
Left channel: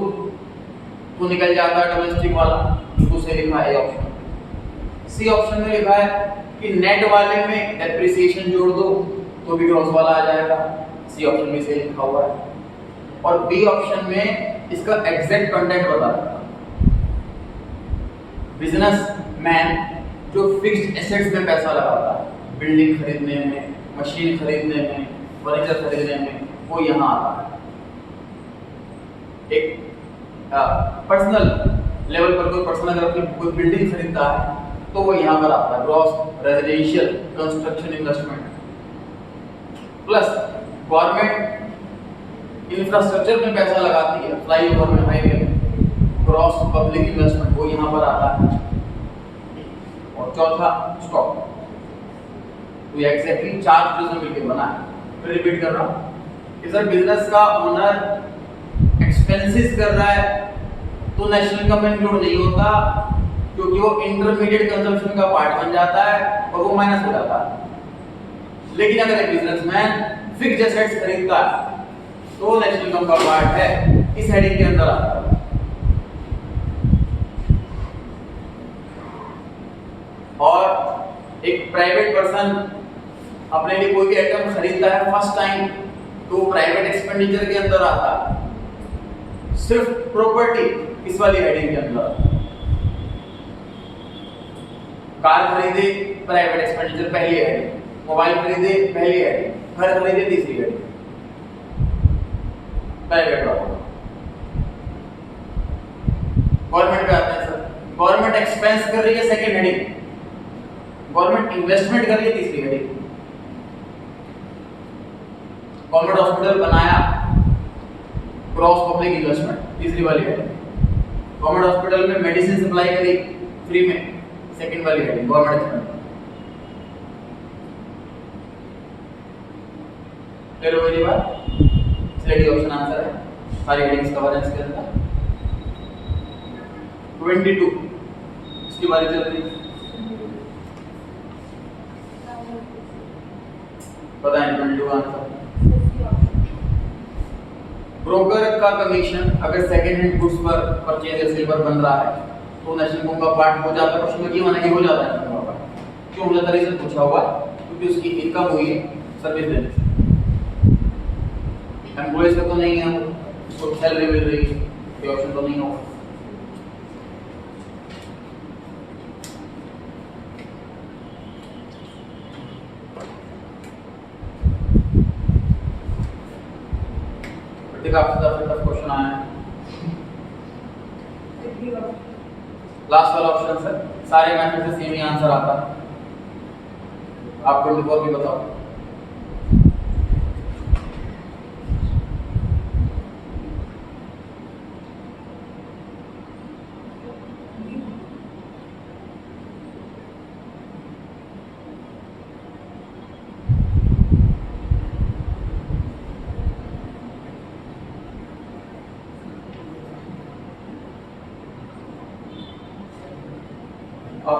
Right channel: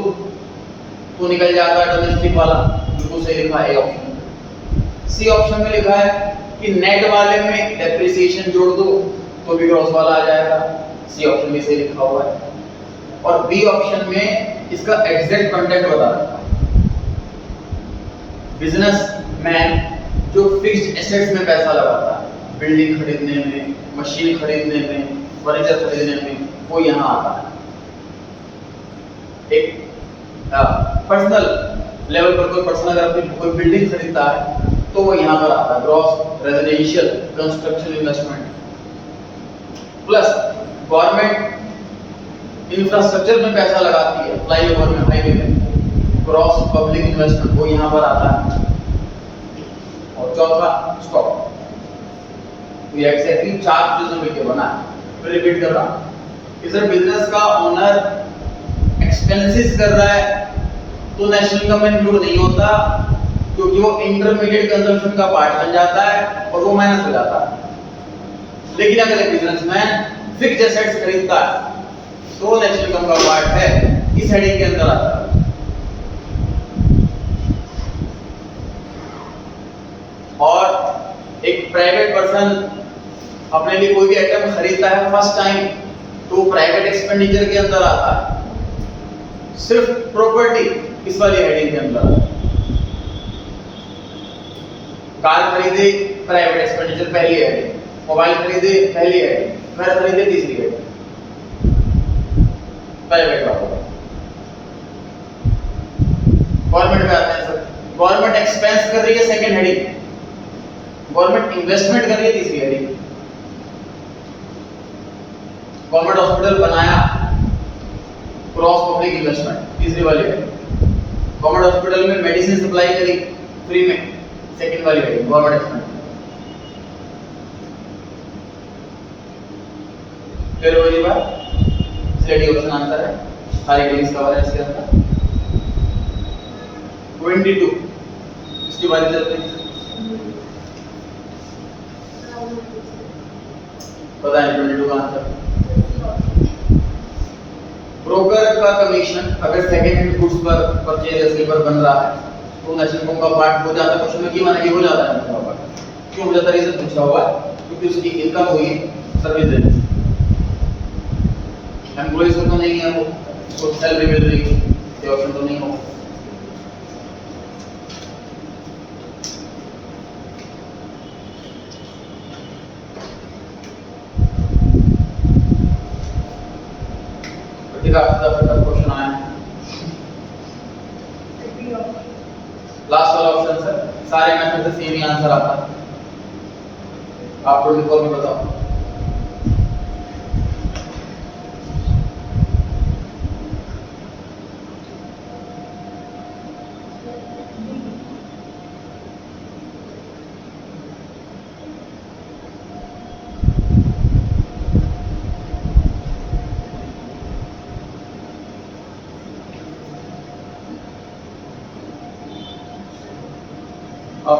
तो निकल जाता है डोमेस्टिक वाला, बिल्कुल सही लिखा है ए ऑप्शन। सी ऑप्शन में लिखा है कि नेट वाले में डेप्रिसिएशन जोड़ दो तो भी ग्रॉस वाला आ जाएगा, सी ऑप्शन में सही लिखा हुआ है। और बी ऑप्शन में इसका एग्जैक्ट कॉन्टेक्ट बता रखा है। बिजनेस मैन जो फिक्स्ड एसेट्स में पैसा लगाता है, बिल्डिंग खरीदने में, मशीन खरीदने में, फर्नीचर खरीदने में, वो यहाँ आता है। एक पर्सनल लेवल पर कोई पर्सन अगर अपनी कोई बिल्डिंग खरीदता है तो वो यहाँ पर आता है gross residential construction investment. Plus government infrastructure में पैसा लगाती है, फ्लाईओवर में, हाईवे में, ग्रॉस पब्लिक इन्वेस्टमेंट वो यहाँ पर आता है। और चौथा स्टॉक। तो ये एग्जैक्टली 4 चीजों मिलकर बना है। मैं रिपीट कर रहा हूँ कि सर बिजनेस का ओनर एक्सपेंसेस कर रहा है तो नेशनल इनकम में इंक्लूड नहीं होता, क्योंकि वो इंटरमीडिएट कंजम्पशन का पार्ट बन जाता है और वो माइनस हो जाता है। लेकिन अगर एक बिजनेसमैन फिक्स्ड एसेट्स खरीदता है तो नेशनल इनकम का पार्ट है, इस हेडिंग के अंदर आता है। और एक प्राइवेट पर्सन अपने लिए कोई भी आइटम खरीदता है फर्स्ट टाइम तो प्राइवेट एक्सपेंडिचर के अंदर आता है। सिर्फ प्रॉपर्टी इस वाली हेडिंग के अंदर। कार खरीदे प्राइवेट एक्सपेंडिचर पहली हेडिंग, मोबाइल खरीदे पहली हेडिंग, घर खरीदे तीसरी हेडिंग, प्राइवेट वाला। गवर्नमेंट पे आते हैं सर। गवर्नमेंट एक्सपेंस कर रही है सेकंड हेडिंग, गवर्नमेंट इन्वेस्टमेंट कर रही है तीसरी हेडिंग। गवर्नमेंट हॉस्पिटल बनाया, क्रॉस पब्लिक इन्वेस्टमेंट तीसरी वाली है। गवर्नमेंट हॉस्पिटल में मेडिसिन सप्लाई करी फ्री में, सेकंड वाली है गवर्नमेंट एक्सपेंडिचर। फिर वही बात, इसलिए डी ऑप्शन आंसर है। सारी हेडिंग्स कवर है इसके अंदर। 22 इसकी बारी चल रही है। बताएं 22 का आंसर। ब्रोकर का कमीशन अगर सेकंड हैंड गुड्स पर परचेज या सेल पर बन रहा है तो नेशनल इनकम का पार्ट हो जाता है। क्वेश्चन में की माना कि हो जाता है इनकम का पार्ट। क्यों हो जाता है? रीजन पूछा हुआ है क्योंकि उसकी इनकम हुई सर्विस देने से। एम्प्लॉइज का तो नहीं है, वो उसको सैलरी मिल रही है, ये ऑप्शन तो नहीं होगा। क्वेश्चन आया लास्ट वाला ऑप्शन सर, सारे मेथड से सेम ही आंसर आता है। आप 24 भी बताओ।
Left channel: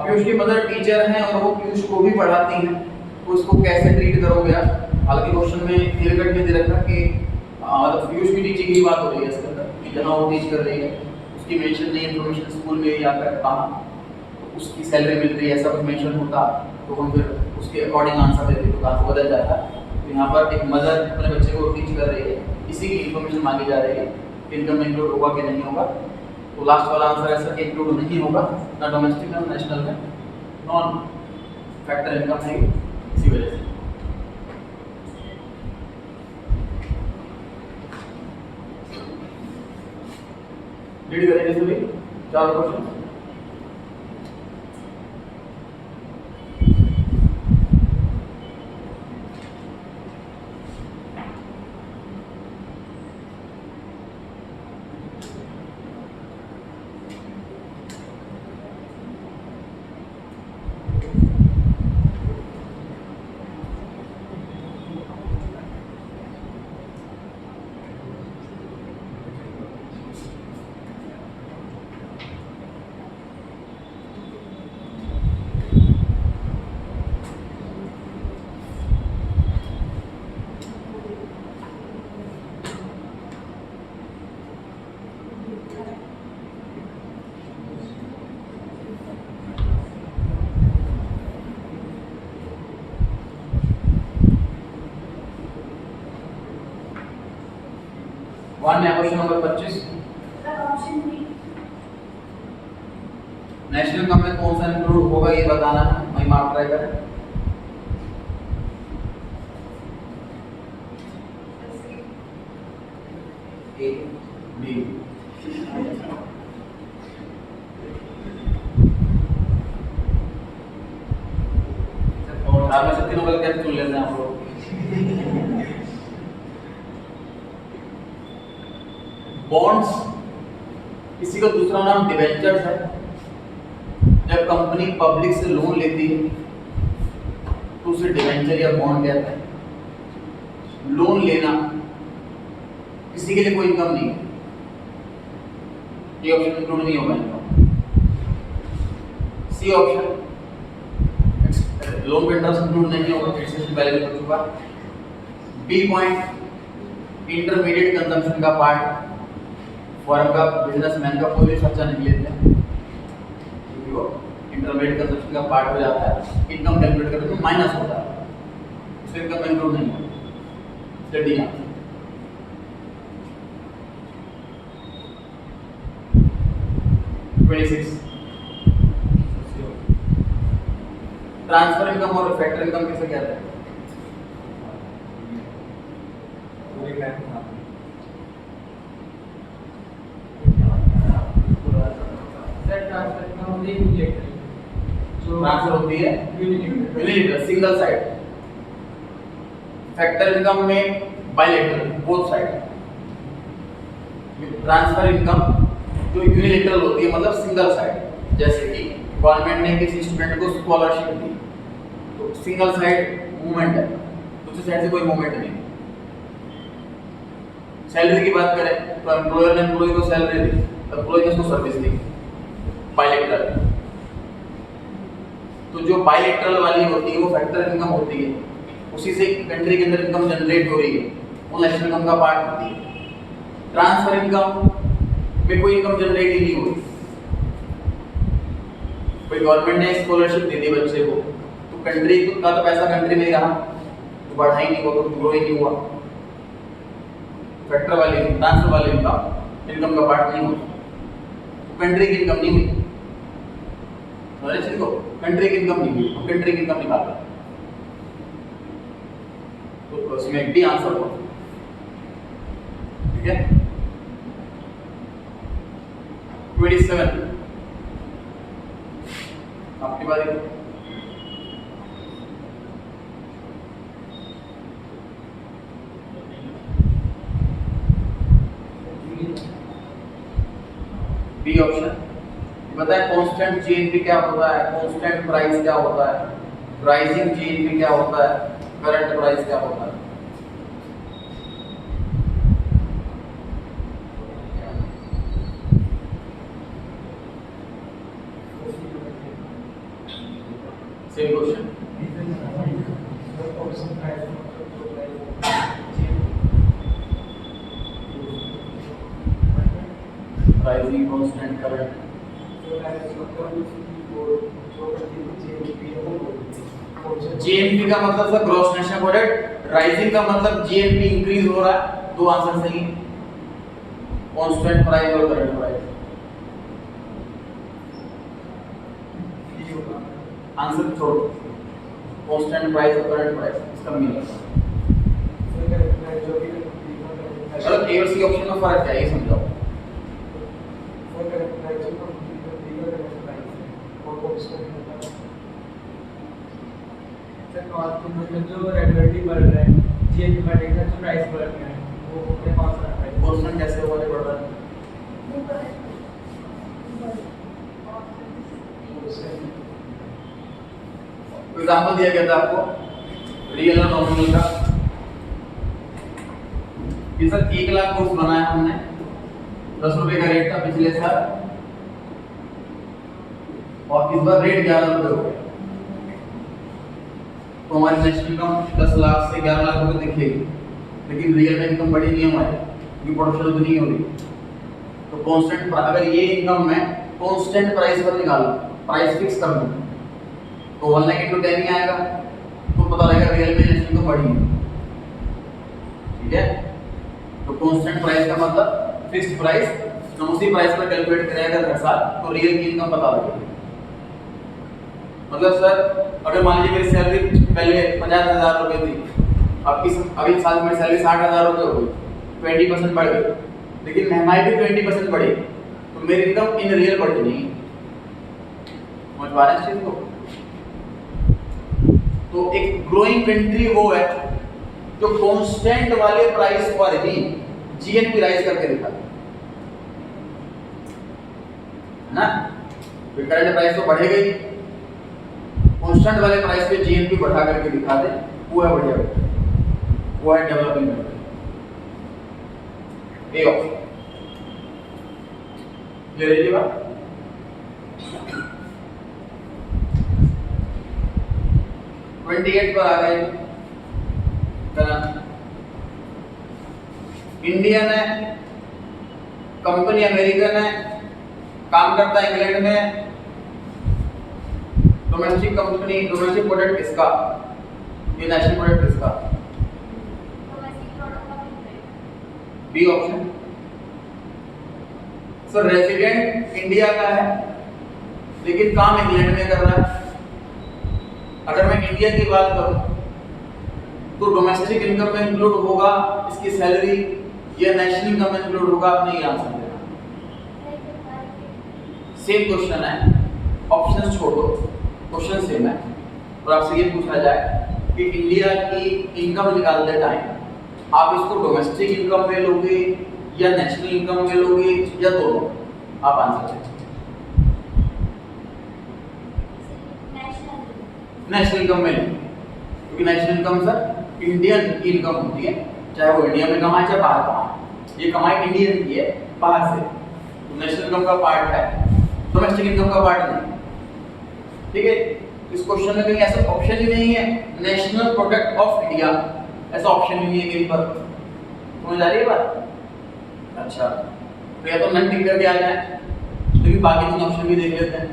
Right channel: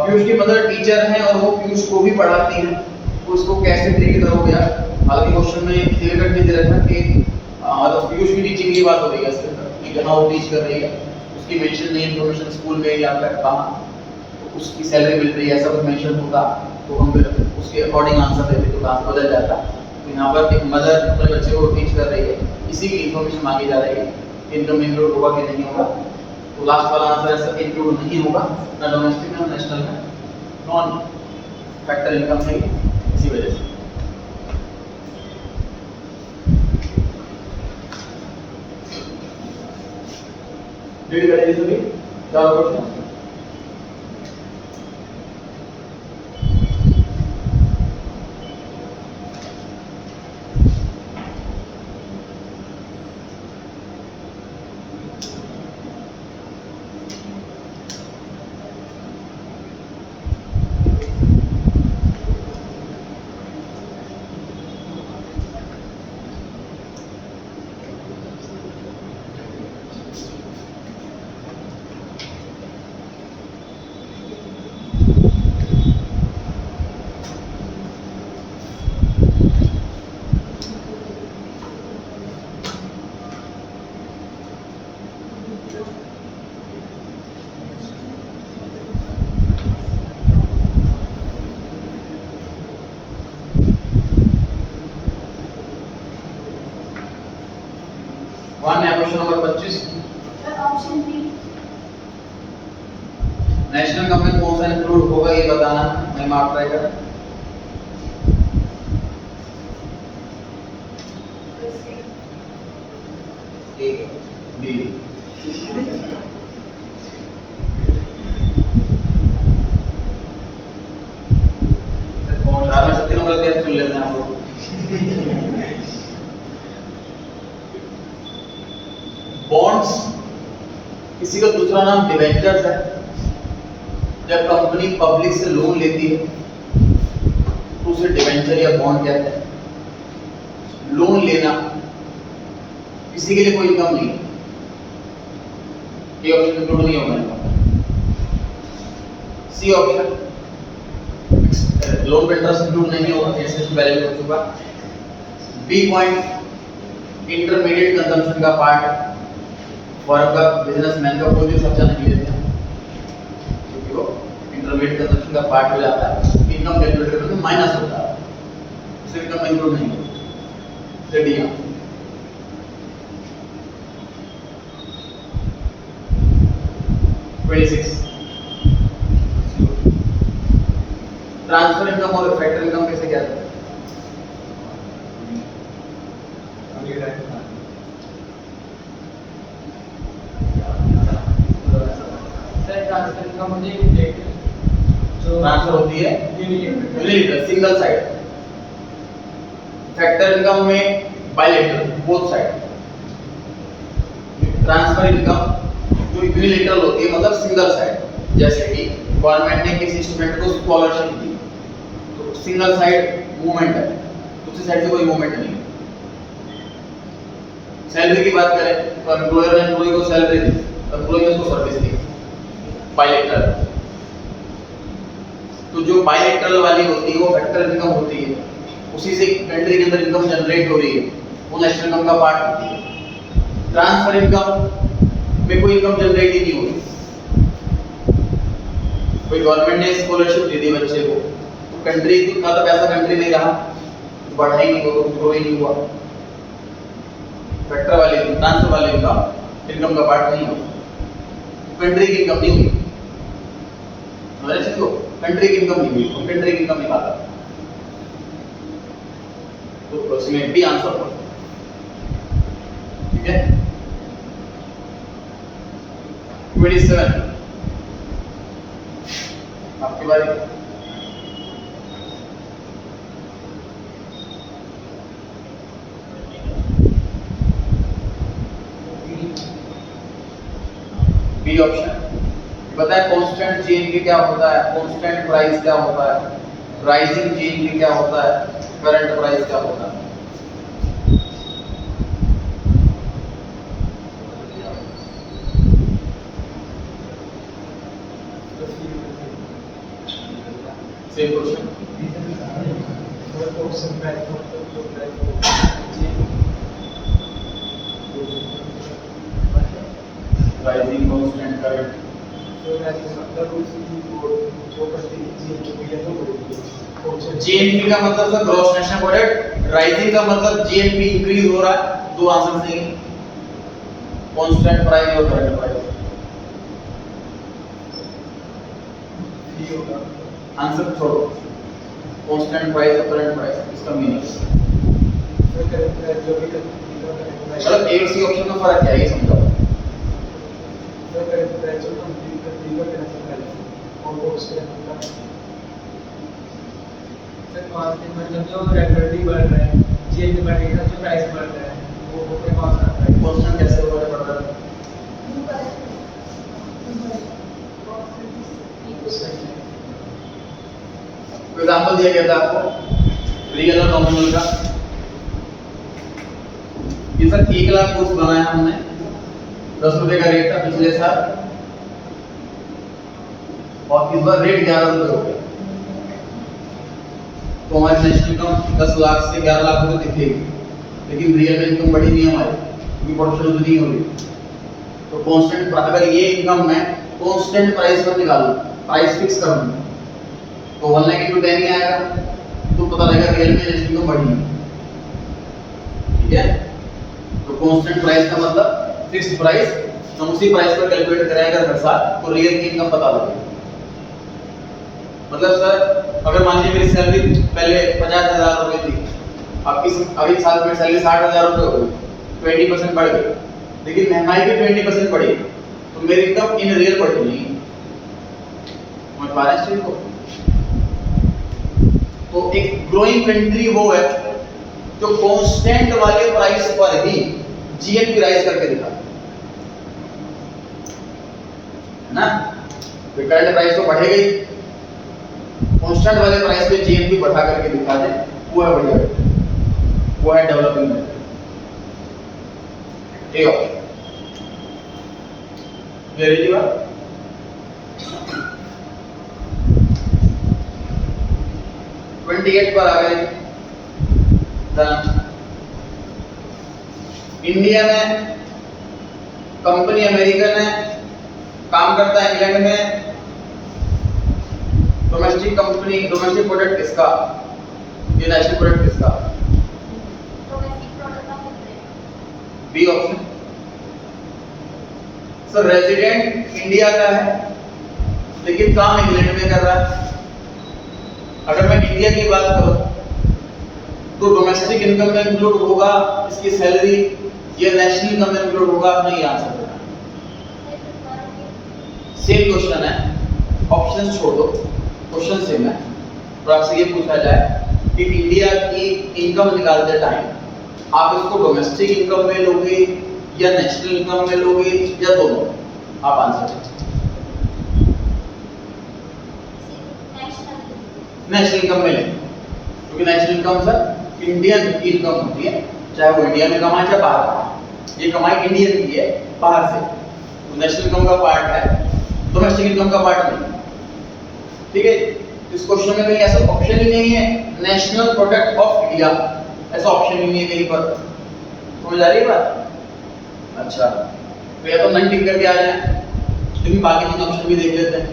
पीयूष की मदर टीचर हैं और वो पीयूष को भी पढ़ाती हैं, तो उसको कैसे ट्रीट करोगे आप? हालांकि क्वेश्चन में क्लियर कट नहीं दे रखा कि मतलब पीयूष की टीचिंग की बात हो रही है इसके अंदर कि जहाँ वो टीच कर रही है उसकी मेंशन नहीं, इन्फॉर्मेशन स्कूल में या फिर कहाँ तो उसकी सैलरी मिल रही है ऐसा कुछ मेंशन होता तो हम फिर उसके अकॉर्डिंग आंसर देते तो आंसर बदल जाता। तो यहाँ पर एक मदर अपने बच्चे को टीच कर रही है, इसी की इन्फॉर्मेशन मांगी जा रही है, इनकम इंक्लूड होगा कि नहीं होगा। तो लास्ट वाला आंसर ऐसा इंक्लूड नहीं होगा, ना डोमेस्टिक में नेशनल में, नॉन फैक्टर इनकम है इसी वजह से। रीड करेंगे सभी चार question. Question number 25। Option 3 national income में कौन सा इंक्लूड होगा ये बताना है। मैं मार्क ट्राई करें। ए बी चार में से तीनों गलत करके चुन लेते हैं हम लोग। बॉन्ड्स, किसी का दूसरा नाम डिबेंचर्स है। जब कंपनी पब्लिक से लोन लेती है तो उसे डिबेंचर या बॉन्ड कहते हैं। लोन लेना किसी के लिए कोई इनकम नहीं, ये ऑप्शन इंक्लूड नहीं होगा। सी ऑप्शन, लोन पे इंटरेस्ट इंक्लूड नहीं होगा, एक्सेस वैल्यू हो चुका। बी पॉइंट, इंटरमीडिएट कंजम्पशन का पार्ट, फर्म का बिजनेसमैन का कोई भी खर्चा नहीं लेते हैं क्योंकि वो इंटरमीडिएट कंजम्पशन का पार्ट हो जाता है। इनकम कैलकुलेट करने में माइनस होता है, उससे इनकम इंक्लूड नहीं होता। स्टडी 26 ट्रांसफर इनकम और फैक्टर इनकम कैसे कहते हैं? ट्रांसफर इनकम होती है यूनिलेटरल, जो ट्रांसफर होती है unilateral, single side. Factor income में bilateral, both side. Transfer income जो यूनिलेटरल होती है मतलब सिंगल साइड, जैसे कि गवर्नमेंट ने किसी स्टूडेंट को स्कॉलरशिप दी तो सिंगल साइड मूवमेंट है, दूसरी साइड से कोई मूवमेंट नहीं। सैलरी की बात करें तो एम्प्लॉयर ने एम्प्लॉय को सैलरी दी, एम्प्लॉय ने उसको सर्विस दी, बाइलेटरल। तो जो बाइलेटरल वाली होती है वो फैक्टर इनकम होती है, उसी से कंट्री के अंदर इनकम जनरेट हो रही है, वो नेशनल इनकम का पार्ट होती है। ट्रांसफर इनकम में कोई इनकम जनरेट ही नहीं होती। कोई गवर्नमेंट ने स्कॉलरशिप दे दी बच्चे को तो कंट्री का तो पैसा कंट्री नहीं रहा, तो बढ़ा ही नहीं हुआ, तो ग्रो ही नहीं हुआ। फैक्टर वाले ट्रांसफर वाले इनकम का पार्ट नहीं होता, कंट्री की इनकम नहीं हुई। देखो कंट्री की इनकम नहीं हुई, तो कंट्री की इनकम निकाला तो उसमें भी आंसर हो। ठीक है 27 आपकी बारी। बी ऑप्शन बताए। कांस्टेंट जीएनपी क्या होता है, कांस्टेंट प्राइस क्या होता है, राइजिंग जीएनपी क्या होता है, करंट प्राइस क्या होता है। Same question. Rising constant current GNP का मतलब sir gross national product, rising का मतलब जीएनपी इंक्रीज हो रहा है। दो आंसर सही है, कांस्टेंट प्राइस और करंट प्राइस। आंसर छोड़ो, कांस्टेंट प्राइस और करंट प्राइस इसका मीनिंग। चलो ए और सी ऑप्शन में फर्क क्या है ये समझाओ। मतलब जो रेगुलरली बढ़ रहे हैं, जीएनपी बढ़ेगा, जो प्राइस बढ़ रहा है वो कौन सा है? कांस्टेंट कैसे होगा ये बढ़ता है? एग्जांपल दिया गया था आपको रियल और नॉमिनल का। ये सर 1 लाख कोर्स बनाया हमने, 10 रुपए का रेट था पिछले साल और इस बार रेट 11 रुपए हो गया, तो हमारी नेशनल इनकम 10 लाख से 11 लाख रुपए दिखेगी, लेकिन रियल में इनकम बढ़ी नहीं है हमारी क्योंकि प्रोडक्शन नहीं हो रही। तो कांस्टेंट, अगर ये इनकम मैं कांस्टेंट प्राइस पर निकालूं, प्राइस फिक्स कर दूं तो 1 लाख इंटू 10 ही आएगा, तो पता लगेगा रियल में नेशनल इनकम बढ़ी है। ठीक है, तो कांस्टेंट प्राइस का मतलब फिक्स्ड प्राइस, हम उसी प्राइस पर कैलकुलेट करेंगे हर साल, तो रियल की इनकम पता लगेगी। मतलब सर अगर मान लीजिए मेरी सैलरी पहले 50,000 रुपये थी, अभी साल में सैलरी 60,000 रुपये हो गई, 20% बढ़ गई, लेकिन महंगाई भी 20% बढ़ी, तो मेरी इनकम इन रियल बढ़ी नहीं। समझ पा रहे हैं इस चीज को? तो एक ग्रोइंग कंट्री वो है जो कांस्टेंट वाले प्राइस पर ही जीएनपी राइज करके दिखाता है ना। करंट प्राइस तो बढ़ेगा ही, कांस्टेंट वाले प्राइस पे जीएनपी बढ़ा करके दिखा दे, वो है बढ़िया, वो है डेवलपिंग कंट्री। एक ऑप्शन ये रही बात। पर आ गए इंडियन है, कंपनी अमेरिकन है, काम करता है इंग्लैंड में, डोमेस्टिक कंपनी, डोमेस्टिक प्रोडक्ट किसका, ये नेशनल प्रोडक्ट किसका? B option. Sir resident India का है लेकिन काम इंग्लैंड में कर रहा है। अगर मैं इंडिया की बात करूं तो डोमेस्टिक इनकम में इंक्लूड होगा इसकी सैलरी या नेशनल इनकम में इंक्लूड होगा? आप नहीं आंसर देना, सेम क्वेश्चन है, ऑप्शन छोड़ दो, क्वेश्चन सेम है। और आपसे ये पूछा जाए कि इंडिया की इनकम निकालते टाइम आप इसको डोमेस्टिक इनकम में लोगे या नेशनल इनकम में लोगे या दोनों? आप आंसर दें। नेशनल इनकम में लें, क्योंकि नेशनल इनकम सर इंडियन की इनकम होती है, चाहे वो इंडिया में कमाए चाहे बाहर कमाए, ये कमाई इंडियन की है बाहर से, तो नेशनल इनकम का पार्ट है, डोमेस्टिक इनकम का पार्ट नहीं। ठीक है, इस क्वेश्चन में कहीं ऐसा ऑप्शन ही नहीं है नेशनल प्रोडक्ट ऑफ इंडिया, ऐसा ऑप्शन ही नहीं है कहीं पर। समझ आ रही है बात? अच्छा, तो या तो नन टिक करके आ जाए, लेकिन बाकी तीन ऑप्शन भी देख लेते हैं।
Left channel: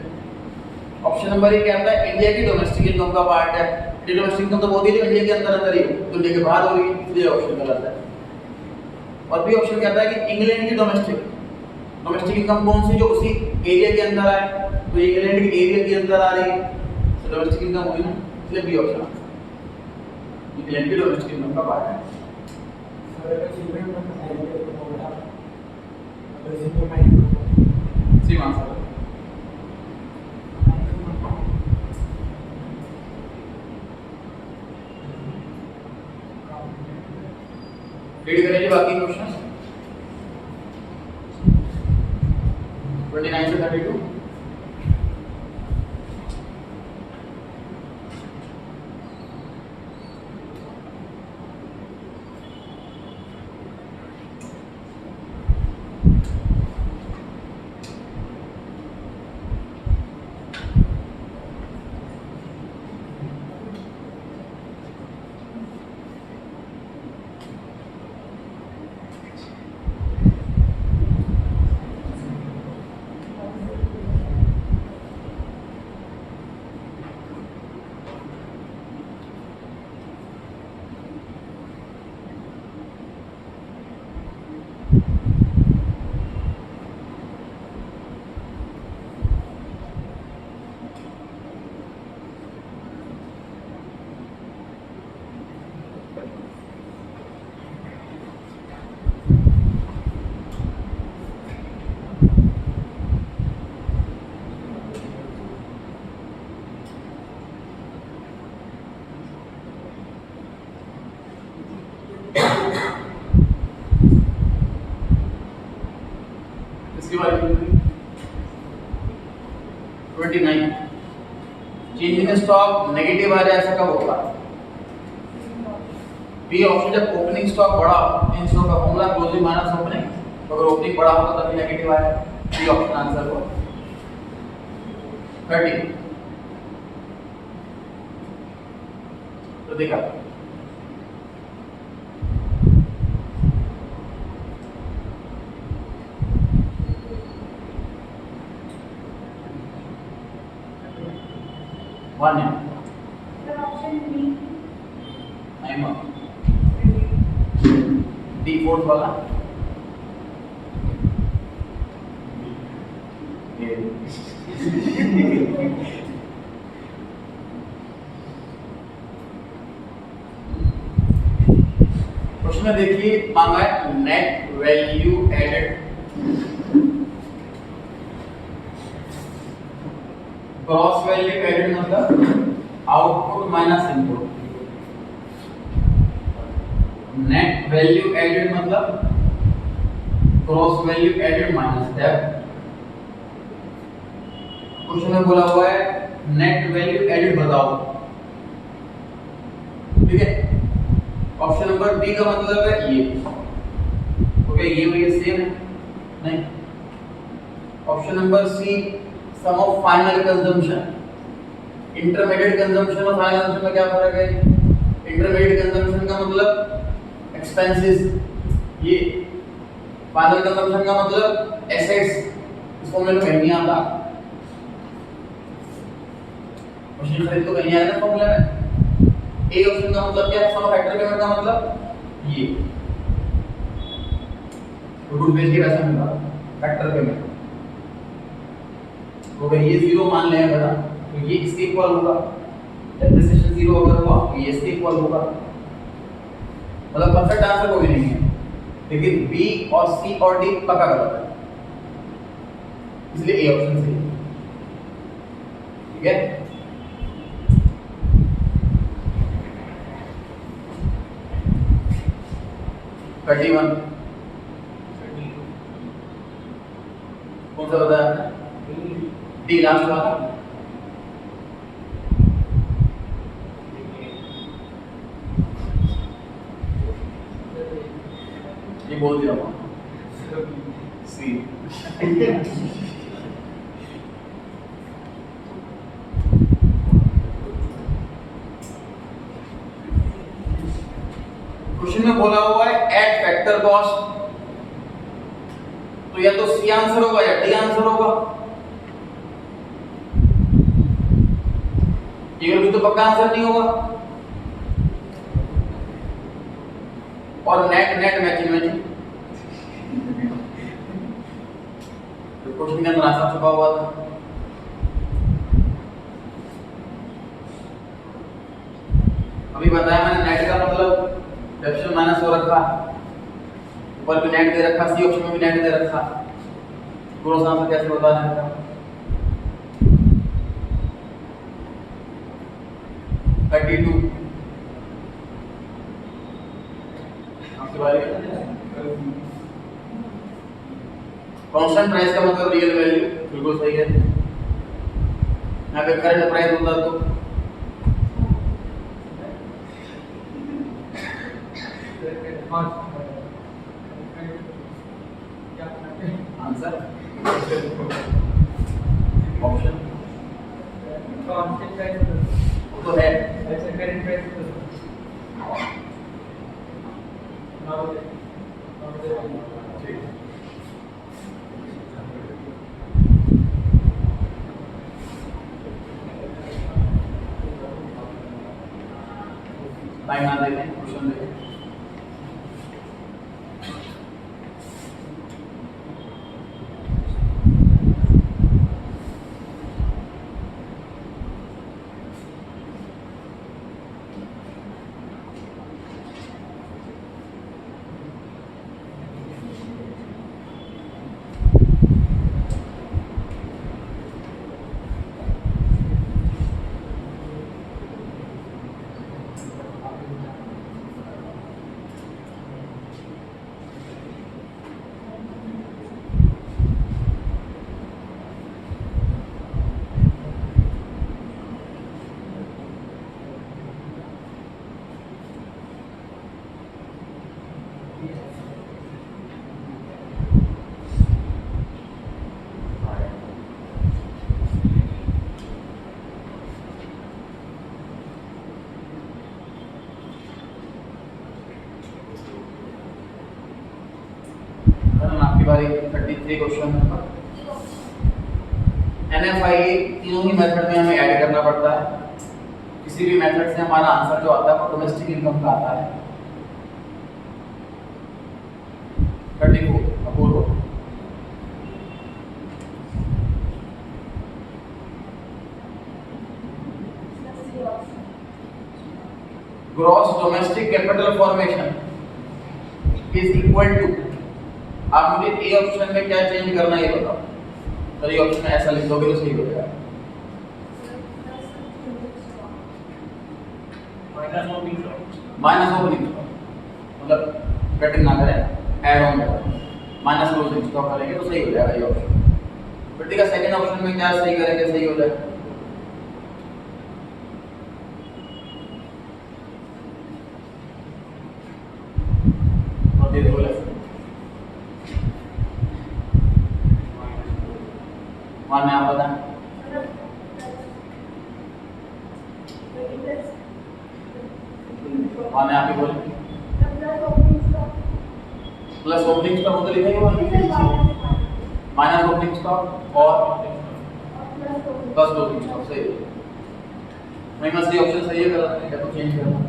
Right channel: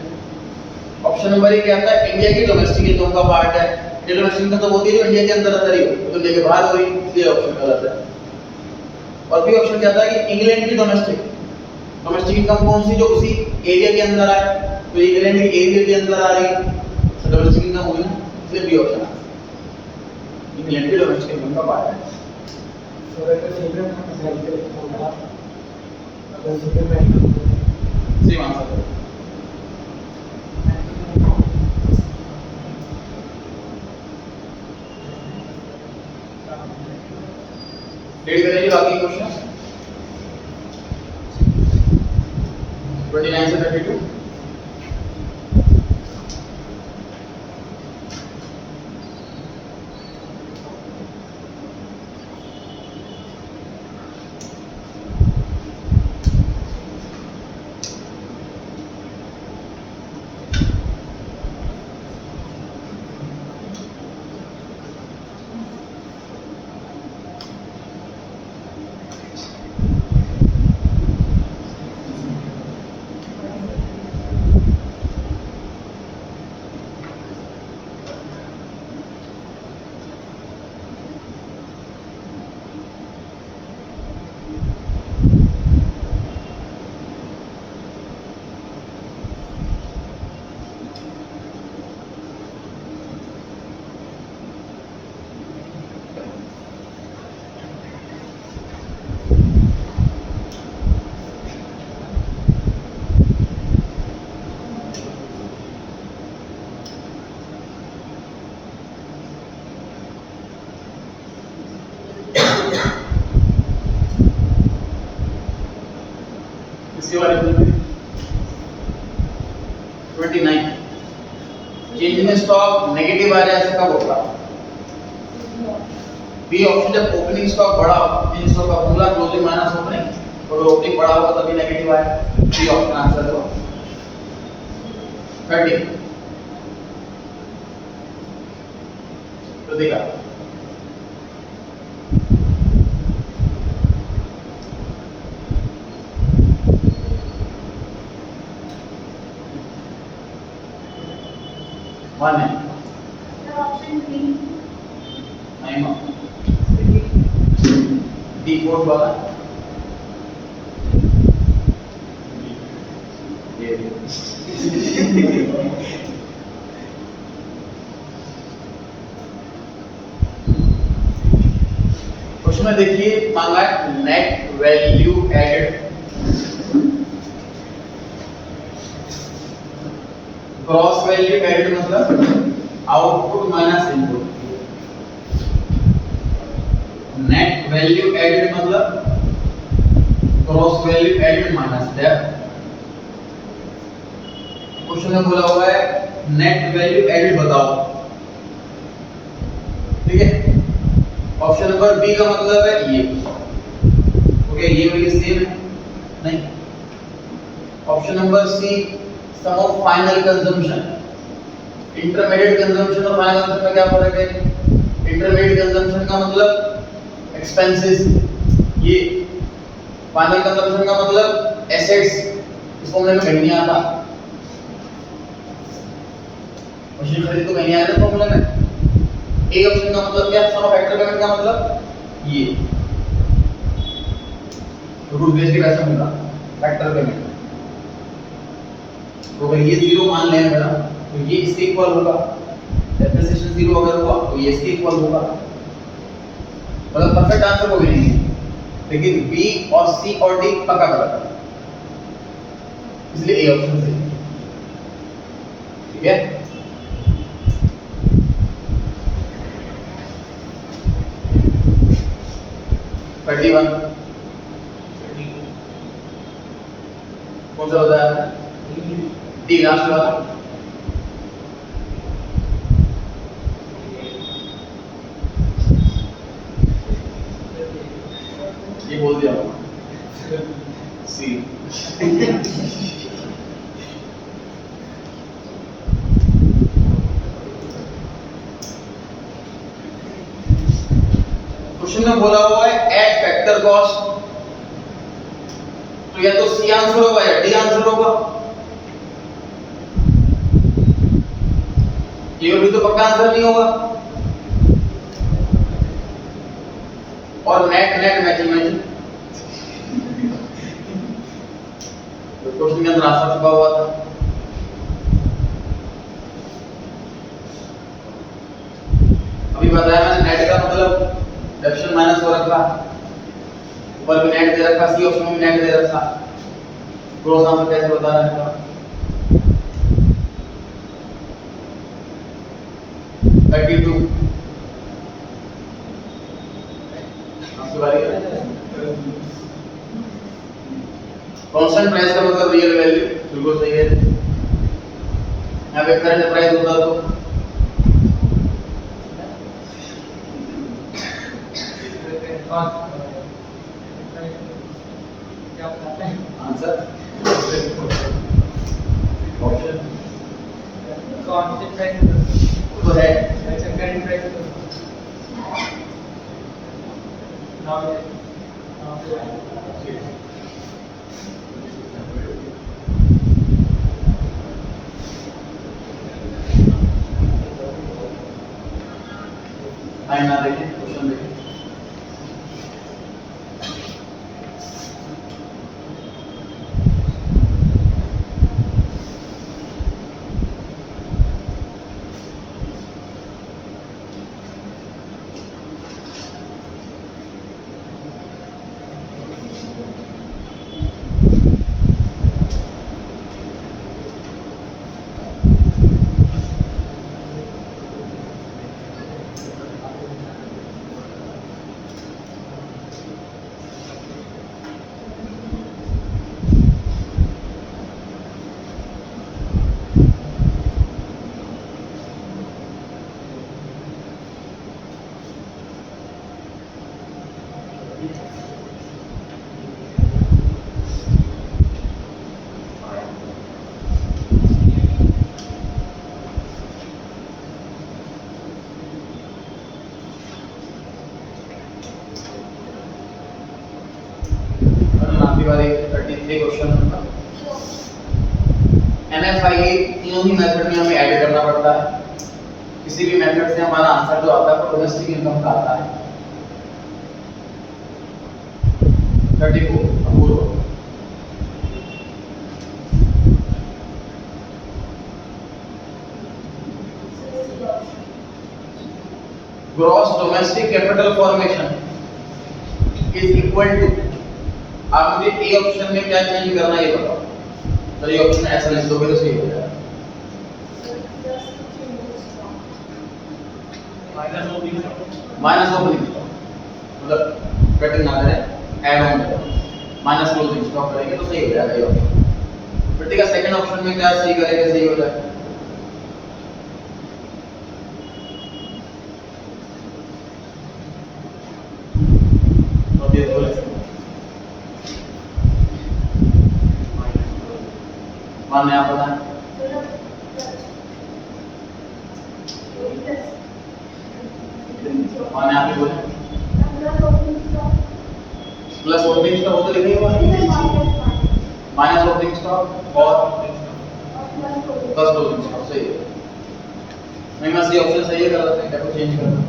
ऑप्शन नंबर 1 क्या आता है? इंडिया की डोमेस्टिक इनकम का पार्ट है। ये डोमेस्टिक इनकम तो होती है जो इंडिया के अंदर ही हो, तो इंडिया के बाहर हो रही, इसलिए ऑप्शन गलत है। और भी ऑप्शन क्या आता है कि इंग्लैंड की डोमेस्टिक इनकम कौन सी जो उसी एरिया के अंदर आए, तो इंग्लैंड के एरिया के अंदर आ रही तो डोमेस्टिक इनकम होगी ना, इसलिए बी ऑप्शन आता है, इंग्लैंड की डोमेस्टिक इनकम का पार्ट है। सेम आंसर है। रीड करेंगे बाकी क्वेश्चंस 29 से 32। इसके बारे में 29 चेंज इन स्टॉक नेगेटिव आ जाए ऐसा कब होगा? बी ऑप्शन, जब ओपनिंग स्टॉक बढ़ा, इन स्टॉक का फॉर्मूला क्लोजिंग माइनस ओपनिंग, तो अगर ओपनिंग बढ़ा होगा तभी नेगेटिव आएगा। बी ऑप्शन आंसर हो। 30 तो देखा वन है ऑप्शन बी नहीं डी फोर्थ वाला क्वेश्चन में देखिए मांगा है net value added gross value added मतलब output minus input, net value added मतलब gross value added minus depth. Question में बोला हुआ है नेट वैल्यू एडेड बताओ, ठीक है। ऑप्शन नंबर बी का मतलब है ये, ओके ये और ये सेम है नहीं। Option number C sum of final consumption, intermediate consumption और फाइनल कंजम्पशन में क्या फर्क है? इंटरमीडिएट कंजम्पशन का मतलब एक्सपेंसेस, ये फाइनल कंजम्पशन का मतलब एसेट्स। इस फॉर्मूले में कहीं नहीं आता, मशीन खरीद तो कहीं आया ना फॉर्मूले में। ए ऑप्शन का मतलब क्या है? सम ऑफ फैक्टर पेमेंट का मतलब ये गुड बेस के वैसा मिला फैक्टर पेमेंट। तो अगर ये जीरो मान लें मेरा तो ये इसके इक्वल होगा, डेप्रिसिएशन जीरो अगर हुआ तो ये इसके इक्वल होगा। मतलब परफेक्ट आंसर कोई नहीं है, लेकिन बी और सी और डी पक्का गलत है, इसलिए ए ऑप्शन सही है, ठीक है। थर्टी वन कौन सा बताया? डी लास्ट वाला। ये बोल दिया सी। क्वेश्चन में बोला हुआ है एड फैक्टर कॉस्ट, तो या तो सी आंसर होगा या डी आंसर होगा। ये भी तो पक्का आंसर नहीं होगा। और नेट नेट मैचिंग मैचिंग तो क्वेश्चन के अंदर आंसर छुपा हुआ था। अभी बताया मैंने नेट का मतलब डेप्रिसिएशन माइनस हो रखा, ऊपर भी नेट दे रखा, सी ऑप्शन में भी नेट दे रखा। ग्रॉस आंसर कैसे बताना है? 32 आपकी बारी है। कांस्टेंट प्राइस का मतलब रियल वैल्यू, बिल्कुल सही है। यहाँ पे करंट प्राइस होता तो आंसर ऑप्शन कांस्टेंट प्राइस तो है। करंट प्राइस लाइन ना देखें, क्वेश्चन देखें। आपकी बारी 33 क्वेश्चन नंबर। NFI तीनों ही मेथड में हमें ऐड करना पड़ता है। किसी भी मेथड से हमारा आंसर जो आता है वो डोमेस्टिक इनकम का आता है। 34 Apoorv gross domestic capital formation is equal to, आप मुझे ए ऑप्शन में क्या चेंज करना है ये बताओ। तो ये ऑप्शन ऐसा लिख दोगे तो सही हो जाएगा। Minus opening stock, minus opening stock मतलब कटिंग ना करें, ऐड ऑन करें, माइनस क्लोजिंग स्टॉक करेंगे तो सही हो जाएगा ये ऑप्शन। तो ठीक है, सेकंड ऑप्शन में क्या सही करेंगे, सही हो जाएगा। अब ये बोले मान में आप बताएं। मान में आप ही बोले प्लस ओपनिंग स्टॉक वो तो लिखेगा माइनस ओपनिंग स्टॉक और प्लस क्लोजिंग स्टॉक सही है। नहीं मैं सी ऑप्शन सही है, गलत है क्या तो चेंज करना।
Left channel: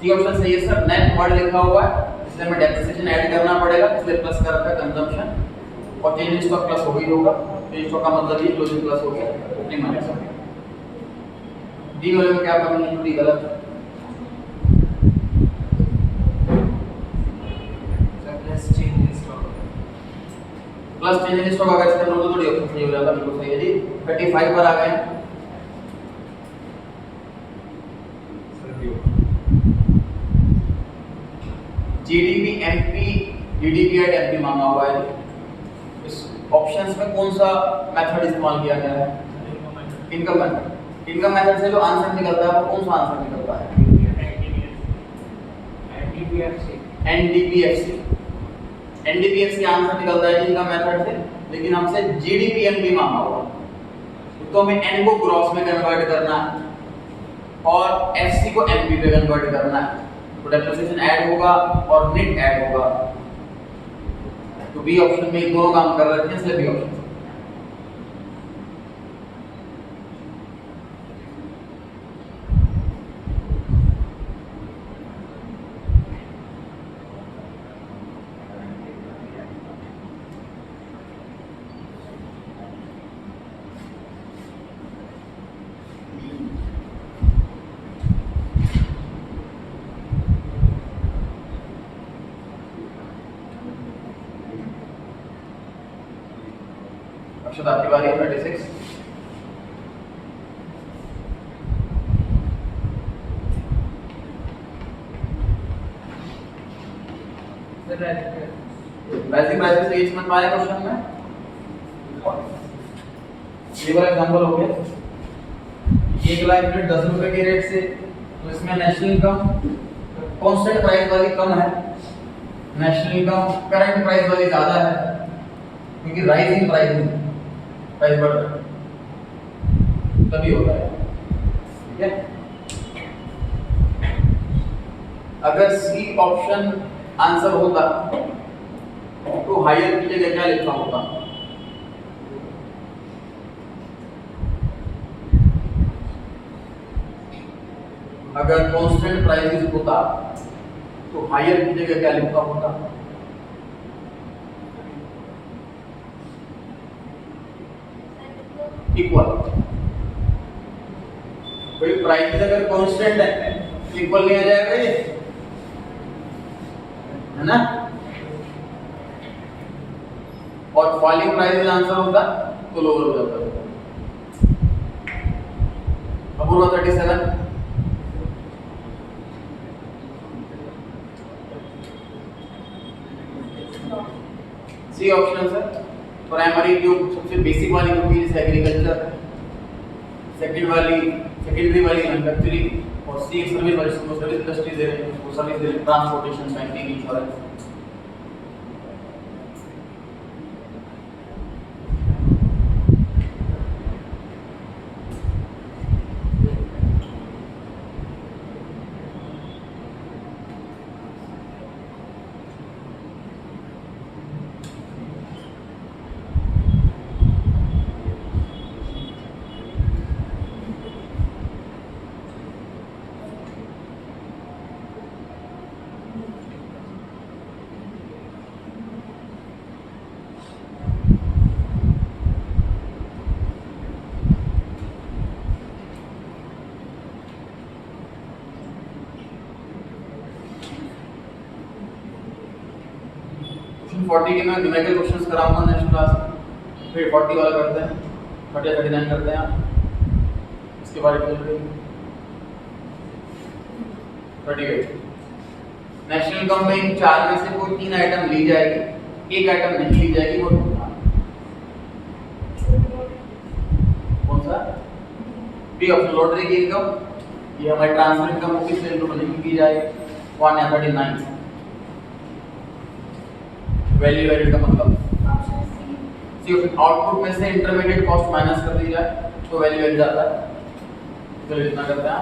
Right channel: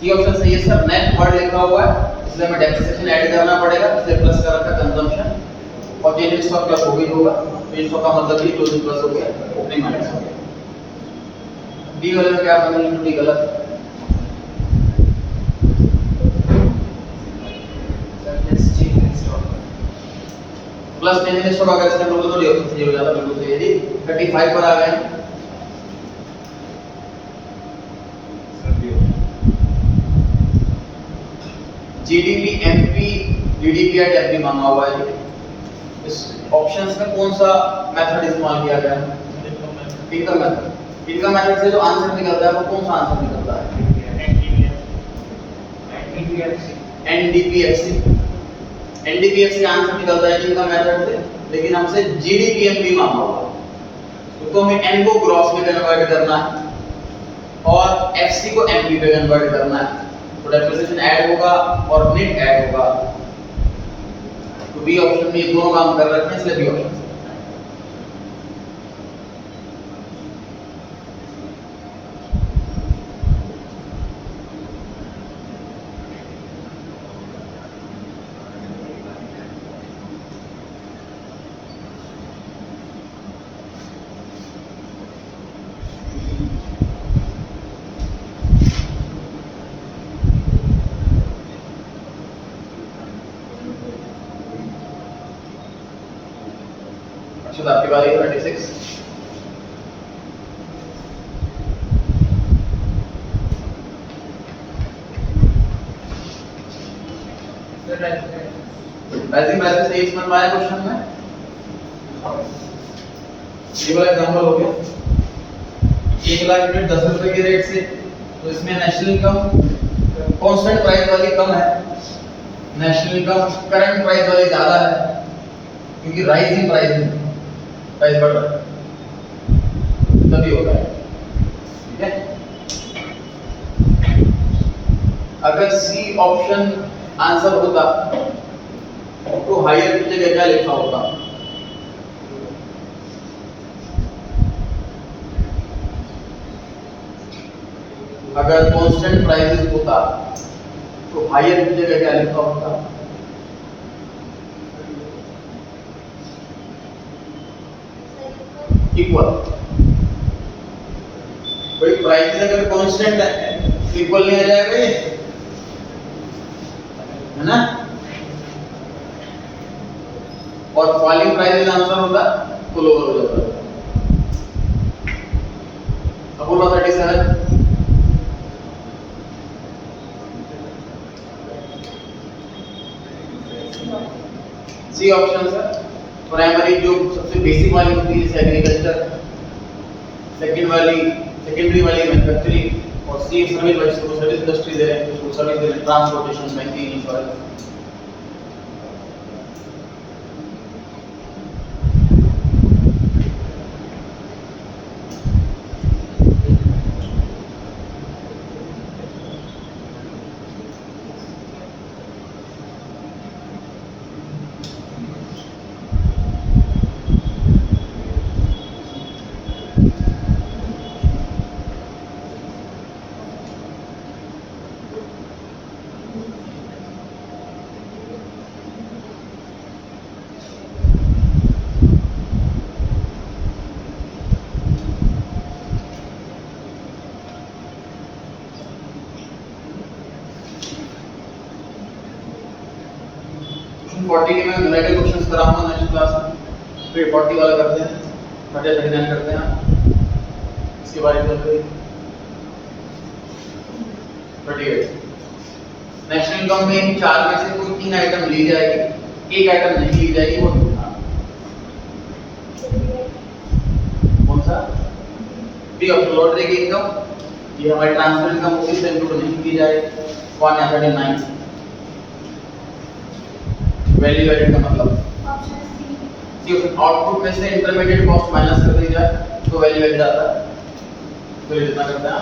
सी ऑप्शन सही है सर, नेट वर्ड लिखा हुआ है इसलिए हमें डेप्रिसिएशन ऐड करना पड़ेगा, इसलिए प्लस कर रखा कंजम्पशन और चेंज स्टॉक प्लस हो गई होगा। चेंज स्टॉक का मतलब ये क्लोजिंग प्लस हो गया, ओपनिंग माइनस हो गया। डी वाले में क्या पता नहीं, डी गलत है। प्लस चेंज स्टॉक अगर इसके अंदर तो डी ऑप्शन सही हो जाता, बिल्कुल सही है जी। 35 पर आ गए। GDP MP, DDP at MP मांगा हुआ है। इस ऑप्शंस में कौन सा मेथड इस्तेमाल किया गया है? Income method. इनकम मेथड से जो आंसर निकलता है वो कौन सा आंसर निकलता है? एनडीपीएफसी। एनडीपीएफसी आंसर निकलता है इनकम मेथड से, लेकिन हमसे जीडीपीएमपी मांगा हुआ है तो हमें एन को ग्रॉस में कन्वर्ट करना है और एफसी को एमपी पे कन्वर्ट करना है। तो डेप्रिसिएशन ऐड होगा और नेट ऐड होगा। तो बी ऑप्शन में ये दोनों काम कर रखे हैं इसलिए बी ऑप्शन। अच्छा आपकी बारी है 36। वैसे से इस मत वाले क्वेश्चन में ये वाला एग्जांपल हो गया 1 लाख यूनिट 10 रुपए के रेट से, तो इसमें नेशनल इनकम कांस्टेंट प्राइस वाली कम है, नेशनल इनकम करंट प्राइस वाली ज्यादा है क्योंकि राइजिंग प्राइस बढ़ रहा है तभी होता है। ठीक है, अगर सी ऑप्शन आंसर होता तो हायर की जगह क्या लिखा होता? अगर कांस्टेंट प्राइसेस होता तो हायर की जगह क्या लिखा होता? इक्वल। कोई प्राइस अगर कांस्टेंट है इक्वल नहीं आ जाएगा ये, है ना? और फॉलिंग प्राइस आंसर होता तो लोअर हो जाता। Apurva 37। C option sir, primary जो सबसे बेसिक वाली होती है एग्रीकल्चर, सेकेंडरी वाली मैन्युफैक्चरिंग और सी सर्विस इंडस्ट्री दे रहे हैं, सर्विस दे रहे हैं, ट्रांसपोर्टेशन, बैंकिंग, इंश्योरेंस। 40 के मैं न्यूमेरिकल क्वेश्चंस कराऊंगा नेक्स्ट क्लास में, फिर 40 वाला करते हैं, 30 39 करते हैं, इसके बाद चलते हैं 38। नेशनल इनकम में इन चार में से कोई 3 आइटम ली जाएगी, एक आइटम नहीं ली जाएगी, वो कौन सा? बी ऑप्शन, लॉटरी की इनकम, ये हमारी ट्रांसफर इनकम होगी, इससे इंक्लूड नहीं की जाएगी। 139 वैल्यू एडेड का मतलब ऑप्शन सी। सी, आउटपुट में से इंटरमीडिएट कॉस्ट माइनस कर दी जाए तो वैल्यू एडेड आता है। तो इतना करते हैं।